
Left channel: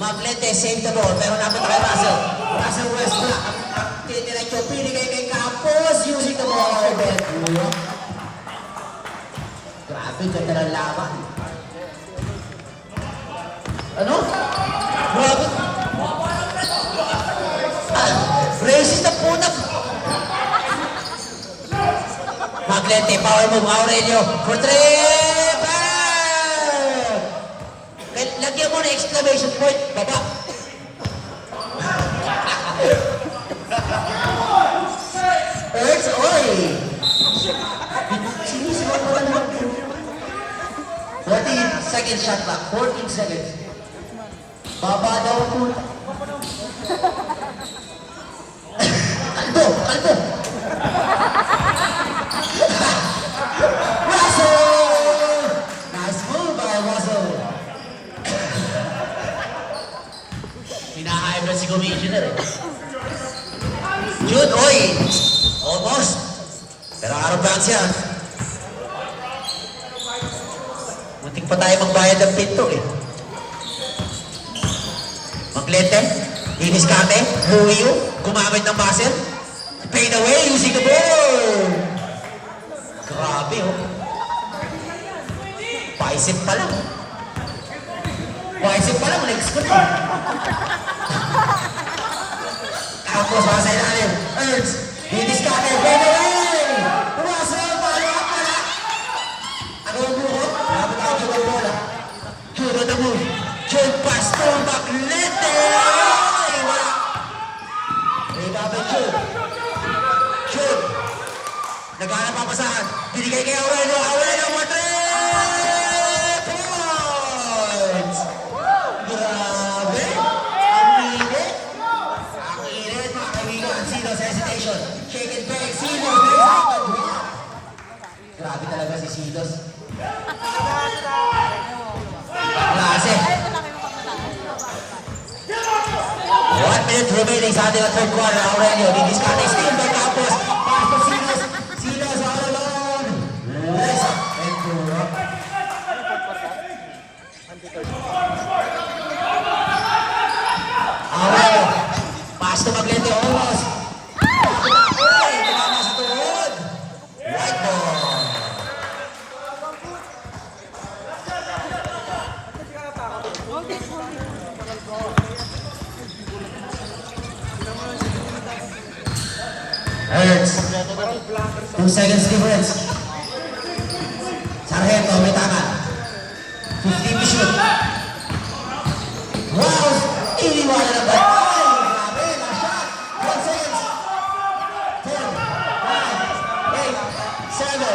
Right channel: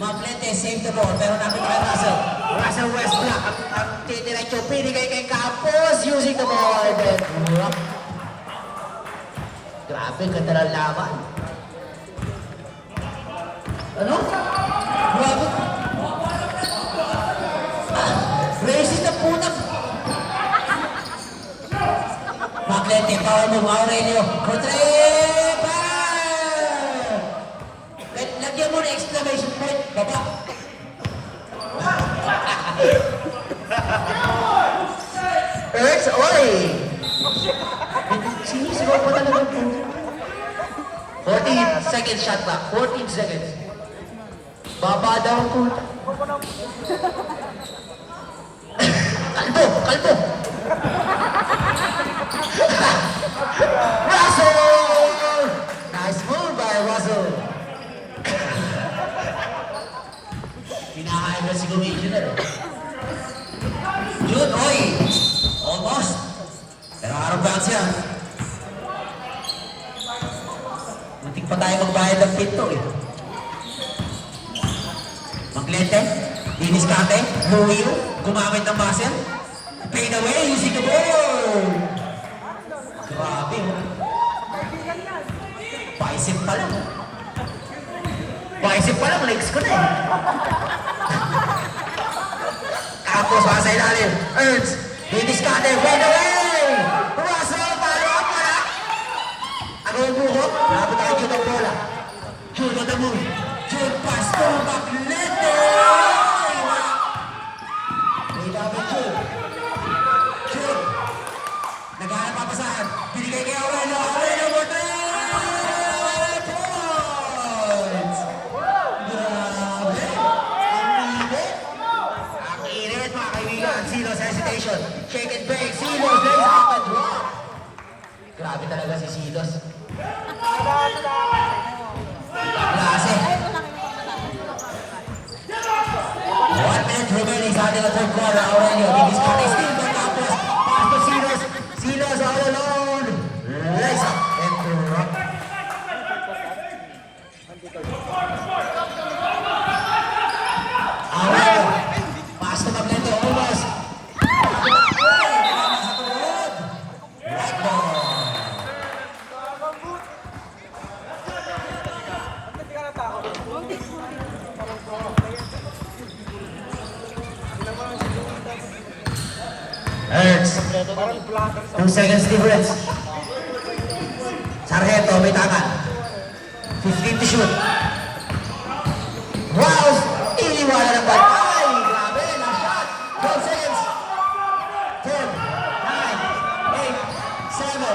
Maglete save the ball. Pero nakita kay Russell. Russell Westbrook. Ang tiniretso. Pinigay kay Campos. Using the ball. Grabe. Ganda ng laban. Ano? Grabe. Racist na punap. Maglete, power move, Aurelio. For 3. Bang! Lagyan mo na exclamation point. Baba. Ernst, oy! seconds shot clock. 14 seconds. Baba daw po. Kalbo! Kalbo! Russell! Nice move by Russell. Hinahain ba si Commissioner eh. Jude, oy! Almost. Pero araw bounce yan. Muntik pa tayo magbayad ng pinto eh. Maglete, diniskate, huyo, gumamit ng buzzer, fade away, using the ball. Grabe oh. Bicep pa lang oh. Bicep pa lang, legs ko na eh. Tapos sa ilalim, Ernst, diniskate, fade away. Russell, follow up pala. Ako ang buho, nakapit tayo Jude ang bola. Jude on the move. Jude pass to Maglete. Wala. Ibabang Jude. Jude. Naghanap papasahan. Binigay kay Aurelio. Aurelio mo 3 points. Grabe. Ang init. Ang init mga kaibigan. Silos hesitation. Shake and bake. Silos. Grabe talaga si Silos. Klase. 1 minute remaining sa ating third quarter. Aurelio, didiskate, steal by Campos. Pass to Silos. Silos all alone. Lays up and through. Aurelio. Pass to Maglete, almost. Uy, nagana sa tuhod. Right ball. Ernst. 2 seconds difference. Sargento, may tangan. 15 to shoot. Wow! Iniwala na ba? Ay! Grabe! Na shot! 12 seconds. 10, 9, 8, 7,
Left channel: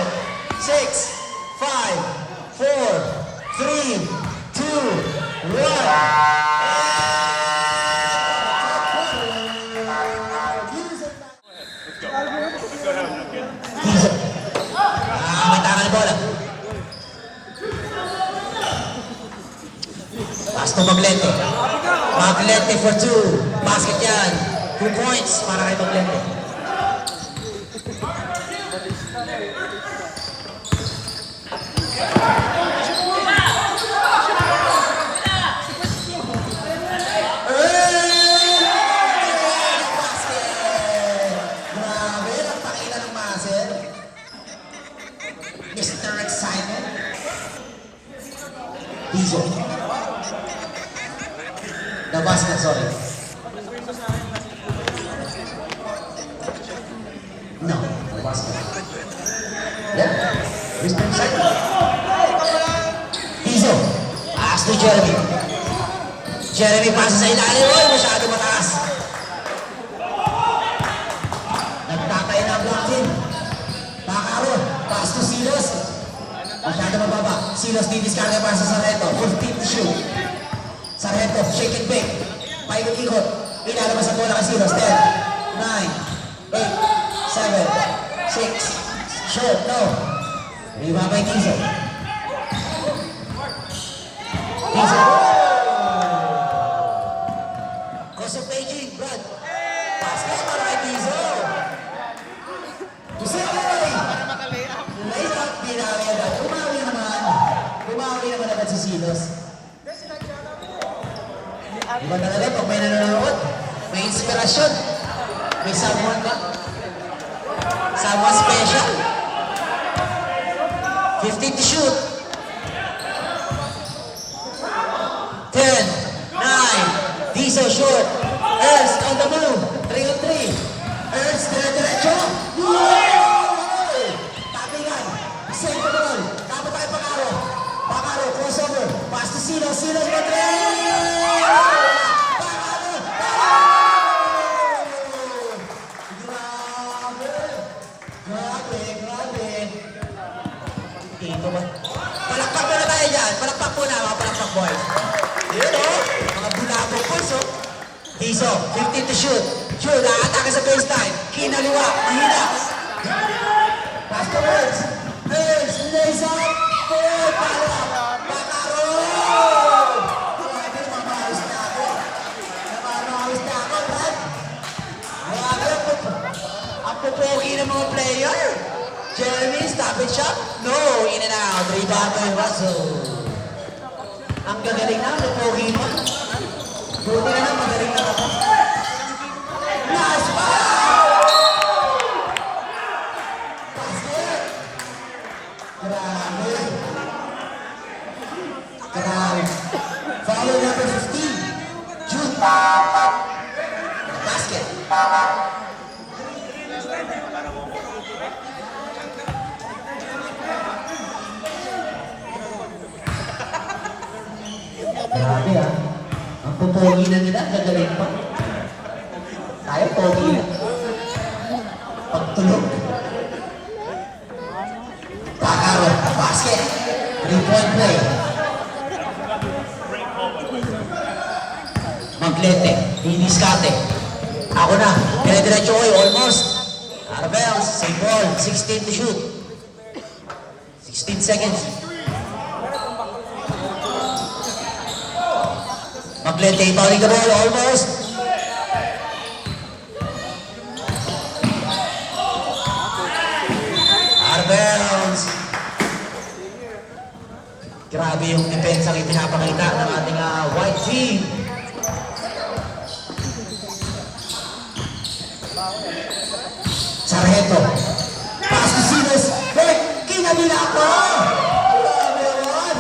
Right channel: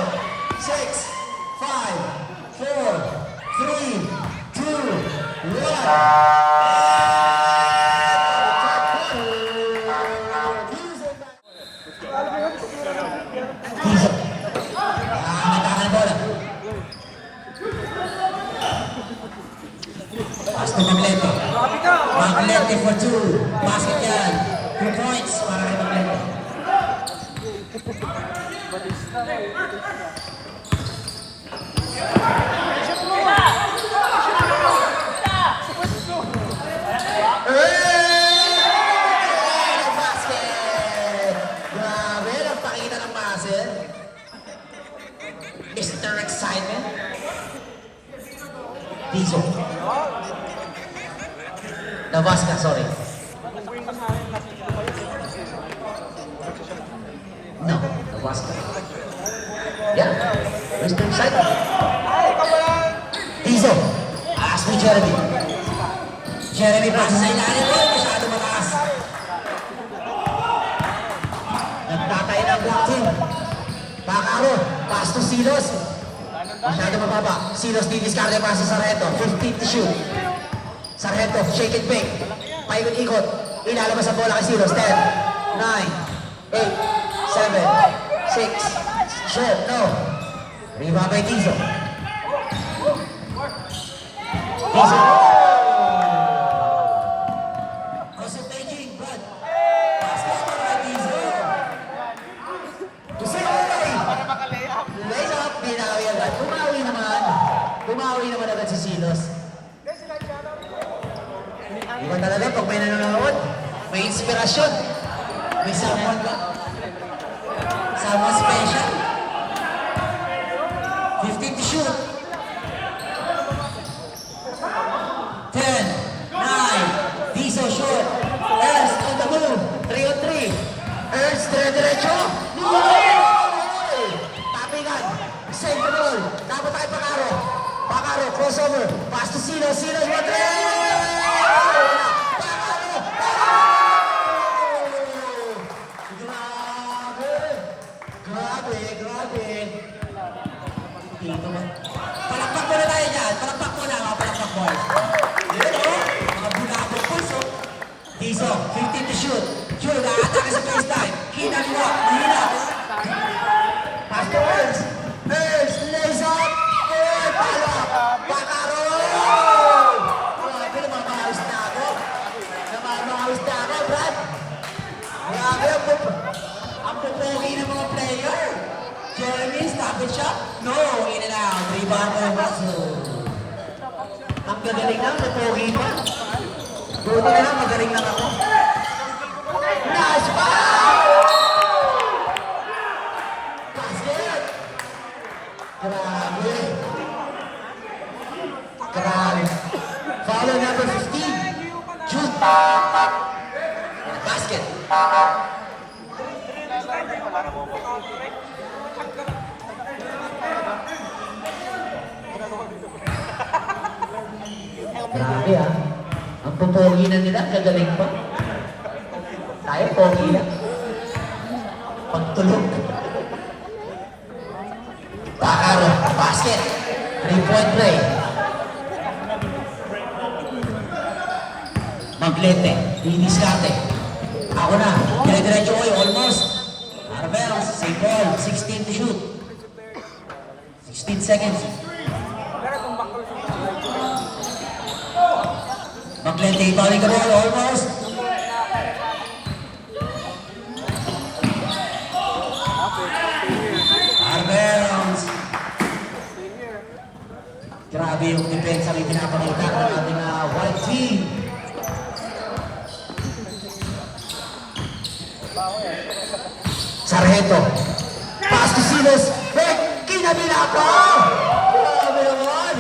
6, 5, 4, 3, 2, 1. Matakan bola. Pass to Maglete. Maglete for 2. Basket yan. 2 points para kay Maglete. Grabe, nagpakita ng buzzer. Mr. Excitement. Dizo. Nabas ka, sorry. No, nabas ka. Yeah, Mr. Excitement. Dizo. Pass to Jeremy. Jeremy pasa sa ilalim. Oh, masyado mataas. Nagtatay na ang block team. Bakaro, pass to Silos. Masyado mababa. Silos didiskarte pa sa Sargento. 15 to shoot. Sargento, shake and bake. Paikot-ikot. Ilalabas ang bola kay Silos. 10, 9, 8, 7, 6. Shoot, no. Rebound by Tizo. Tizo. Gusto Beijing, Brad. Basket para kay Tizo. Tusiray! Lays up, binawi agad. Umawi naman. Umawi naman agad si Silos. Iba talaga pag may nanonood, may inspirasyon. May someone ba? Someone special. 15 to shoot. 10, 9, Diesel shoot. Ernst on the move. 3 on 3. Ernst, dire-diretso. Tapingan. Save the ball. Dapat tayo Bakaro. Bakaro, crossover. Pass to Silos. Silos, Madrid. Bakaro. Grabe. Dito ba? Palakpak mo na tayo dyan. Palakpak mo na. Enzo, 15 to shoot. Shoot, nakatake sa baseline. Kinaliwa, mahina. Pass to Ernst. Ernst, lays up. Hey, follow up. Bakaro! Grabe, mamahawis na ako. Mamahawis na ako, Brad. Grabe, ang pupogi ng mga player. Jeremy, stop it shot. No, in and out. Rebound by Russell. Ang gagaling na, pupogi pa. Buti na lang, magaling lang ako. Nice foul! Basket! Grabe. Grabe. Foul number 15. Jude. Basket. Grabe ah. Ang pupogi na nila, gagaling pa. Tayo, pogi na. Pagtulog. Bakaro, basket. 3-point play. Maglete, diniskate. Ako na, dire-diretso ko almost. Arbels, save ball, 16 to shoot. 16 seconds. Maglete, ibalik ka ball, almost. Arbels. Grabe yung depensa yung pinapakita ng ating white team. Sargento. Pass to Silas. Hey, kinabila ko! Grabe naman.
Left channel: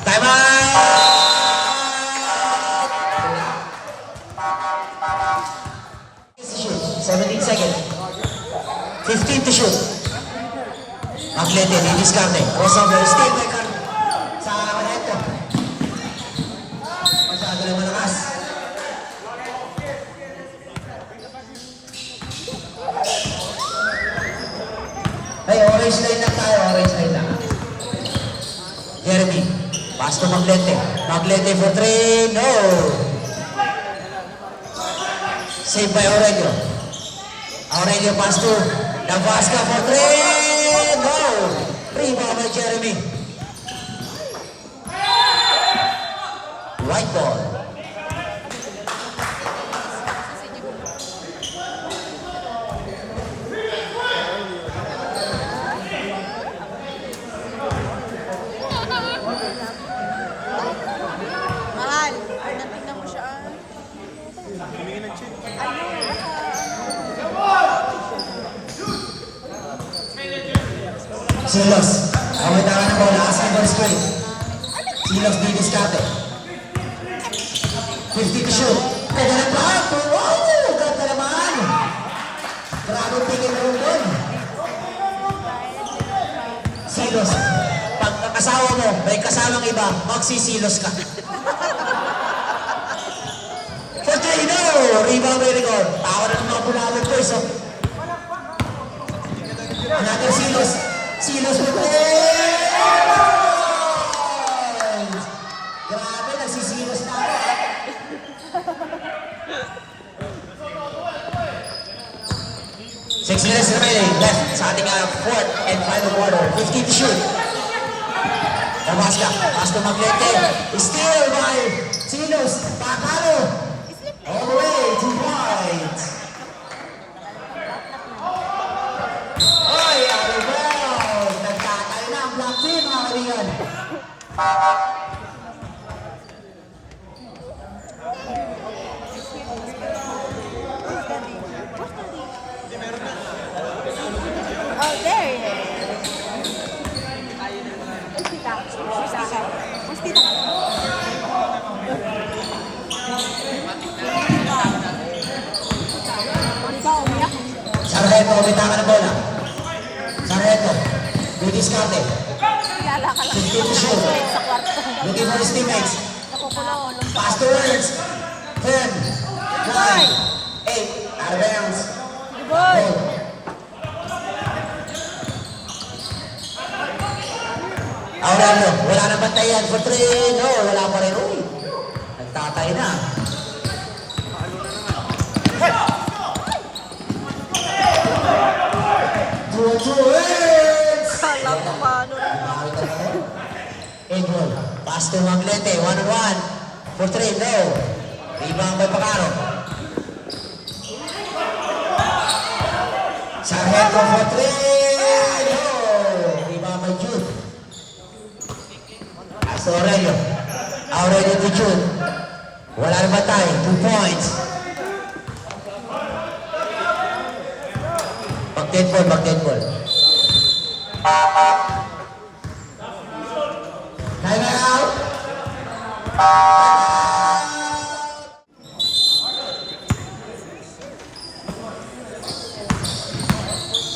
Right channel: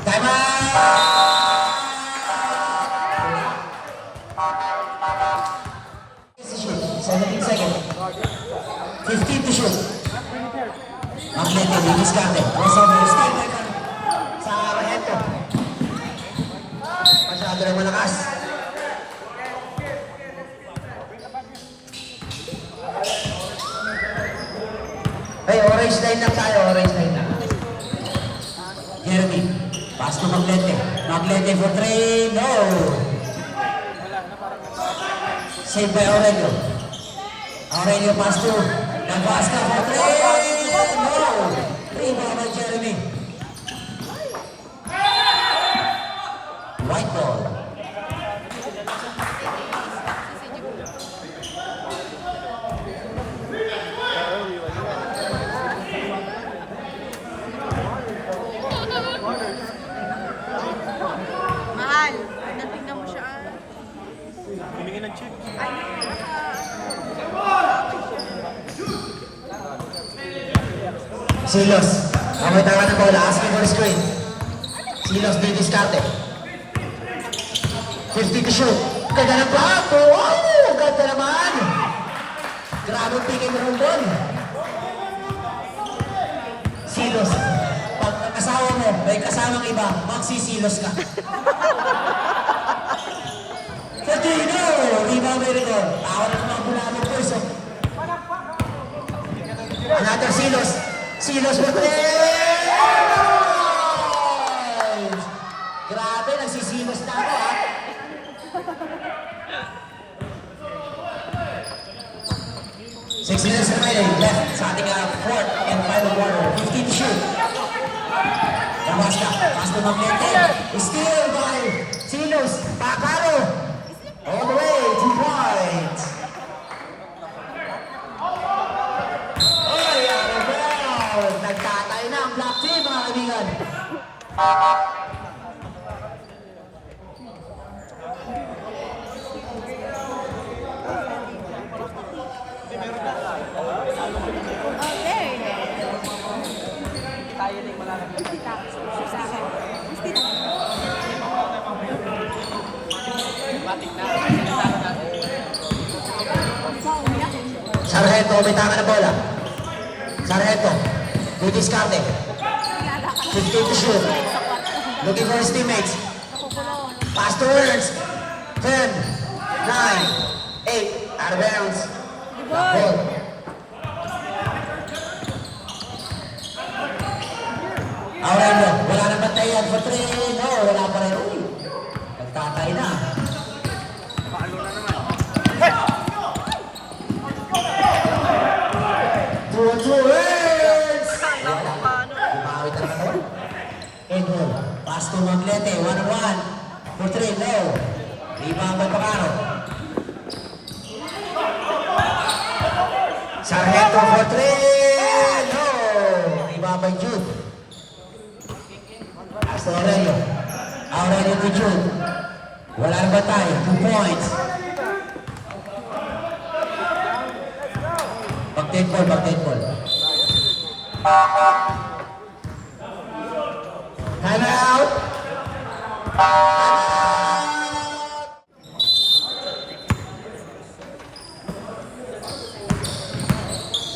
Time out! 17 seconds. 15 to shoot. Maglete, diniskarte. Crossover, steal by Sargento. Masyado rin malakas. Hey, orange line lang tayo, orange line lang. Jeremy, pass to Maglete. Maglete for 3, no! Saved by Aurelio. Aurelio pass to Navasca for 3, no! Rebound by Jeremy. White ball. Mahal. Ay, natingnan mo siya. Ayun, Silos. May tawa na bola. Asking for screen. Silos di diskarte. 50 to shoot. Ganda ng plato. Wow! Ganda naman. Grabe tingin na rin doon. Silos. Pag ang asawa mo, may kasamang iba, magsisilos ka. For 3, no! Rebound by Rigor. Tawa na ng mga bulalog ko. So, another Silos. Silos for 3! Grabe, nagsisilos na ako. Six minutes remaining left sa ating fourth and final quarter. 15 to shoot. Nabasca, pass to Maglete. Steal by Silos. Bakaro. All the way to point. Oy, Arbel! Nagtatay na ang black team, mga kaibigan. Oh, there. Sargento, may tama na bola. Sargento, good discarte. 15 to shoot. Looking for his teammates. Pass to Ernst. 10, 9, 8, out of bounds. Ball. Aurelio, wala na ba Bantayan for three. No, wala pa rin. Uy, nagtatay na. Two words! Bumawi ka naman. Edwin, pass to Maglete, 1-on-1. For three, no. Rebound by Pangaro. Sargento for three, no. Rebound by Jude. Pass to Aurelio. Aurelio to Jude. Wala rin ba tayo? 2 points. Back 10 ball. Time out.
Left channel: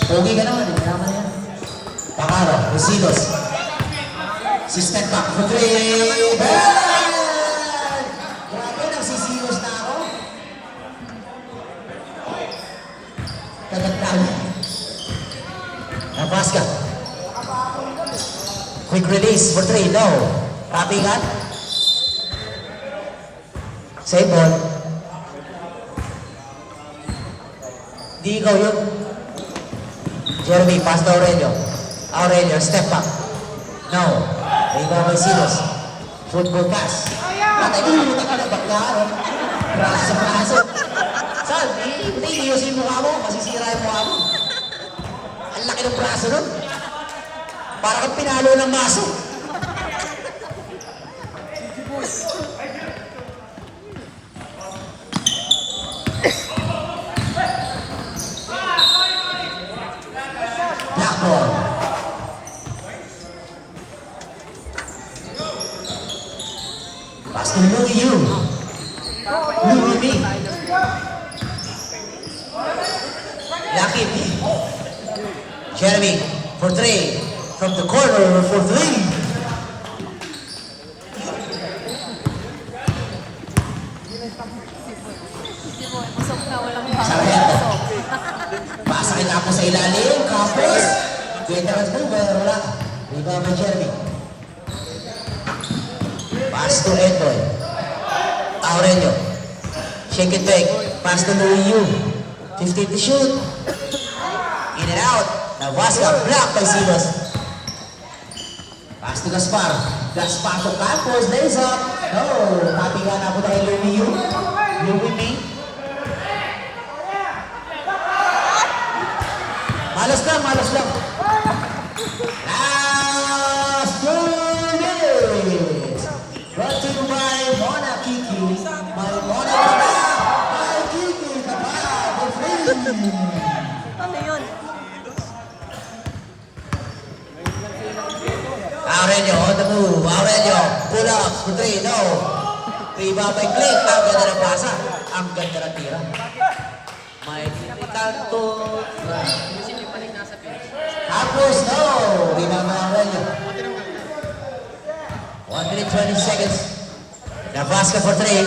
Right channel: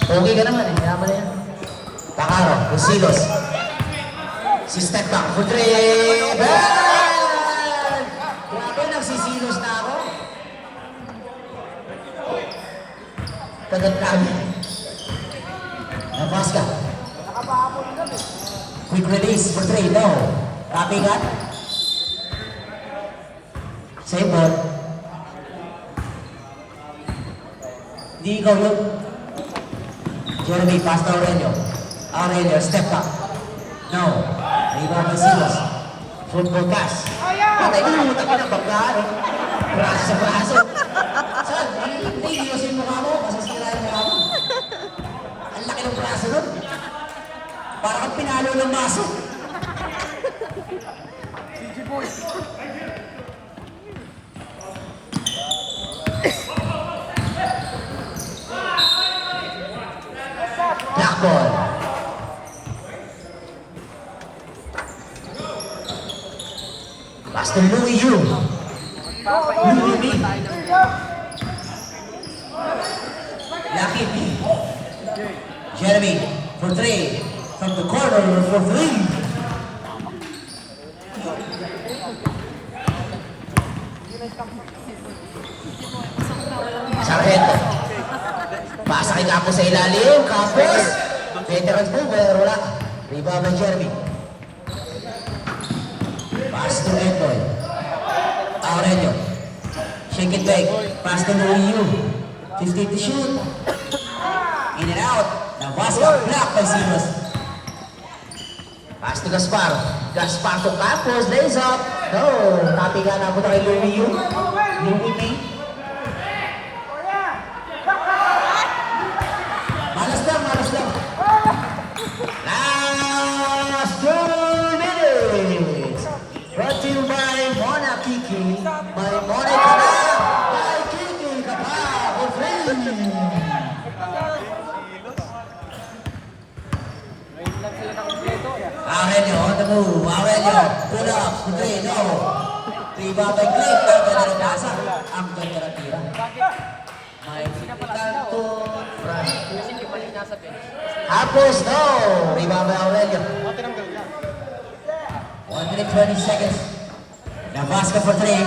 Okay ka naman, kaya mo na yan. Pangaro, Busilos. Si step back for three. Bang! Grabe, nagsisilos na ako. Kagandaan. Navasca. Quick release for three, no. Copy cut. Save ball. Di ikaw yun. Jeremy, pass to Aurelio. Aurelio, step back. No. Rebound by Silos. Football pass. Patay ko yung utak yun ang bakla, no? Braso sa braso. Saan? Hindi, iyusin mo ka mo. Masisira yung mukha mo. Ang laki ng braso nun. Para kang pinalo ng maso. Black ball. Pass to Louis Yu. Louis B. Lucky B. Jeremy for three. From the corner for three. Sargento. Pasa kay Campos sa ilalim. Campos. Veterans mover. Wala. Rebound by Jeremy. Pass to Edwin. Aurelio. Shake it back. Pass to Louis Yu. 50 to shoot. In and out. Navasca. Block by Silos. Pass to Gaspar. Gaspar to Campos. Days up. No. Happy nga na po na kay Louis Yu. Louis B. Malas lang, malas lang. Last 2 minutes. Brought to you by Mona Kiki. My Mona Kana. By Kiki. The power of free. Aurelio on the move. Aurelio. Pull up. For three. No. Rebound by Click. Ang ganda ng pasa. Ang ganda ng tira. May kanto. Campos. No. Rebound by Aurelio. 1 minute 20 seconds. Navasca for three.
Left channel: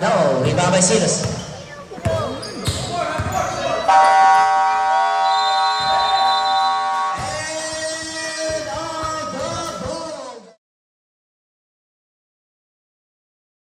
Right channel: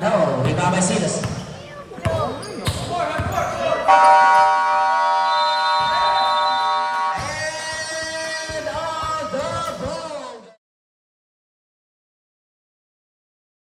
No. Rebound by Silas.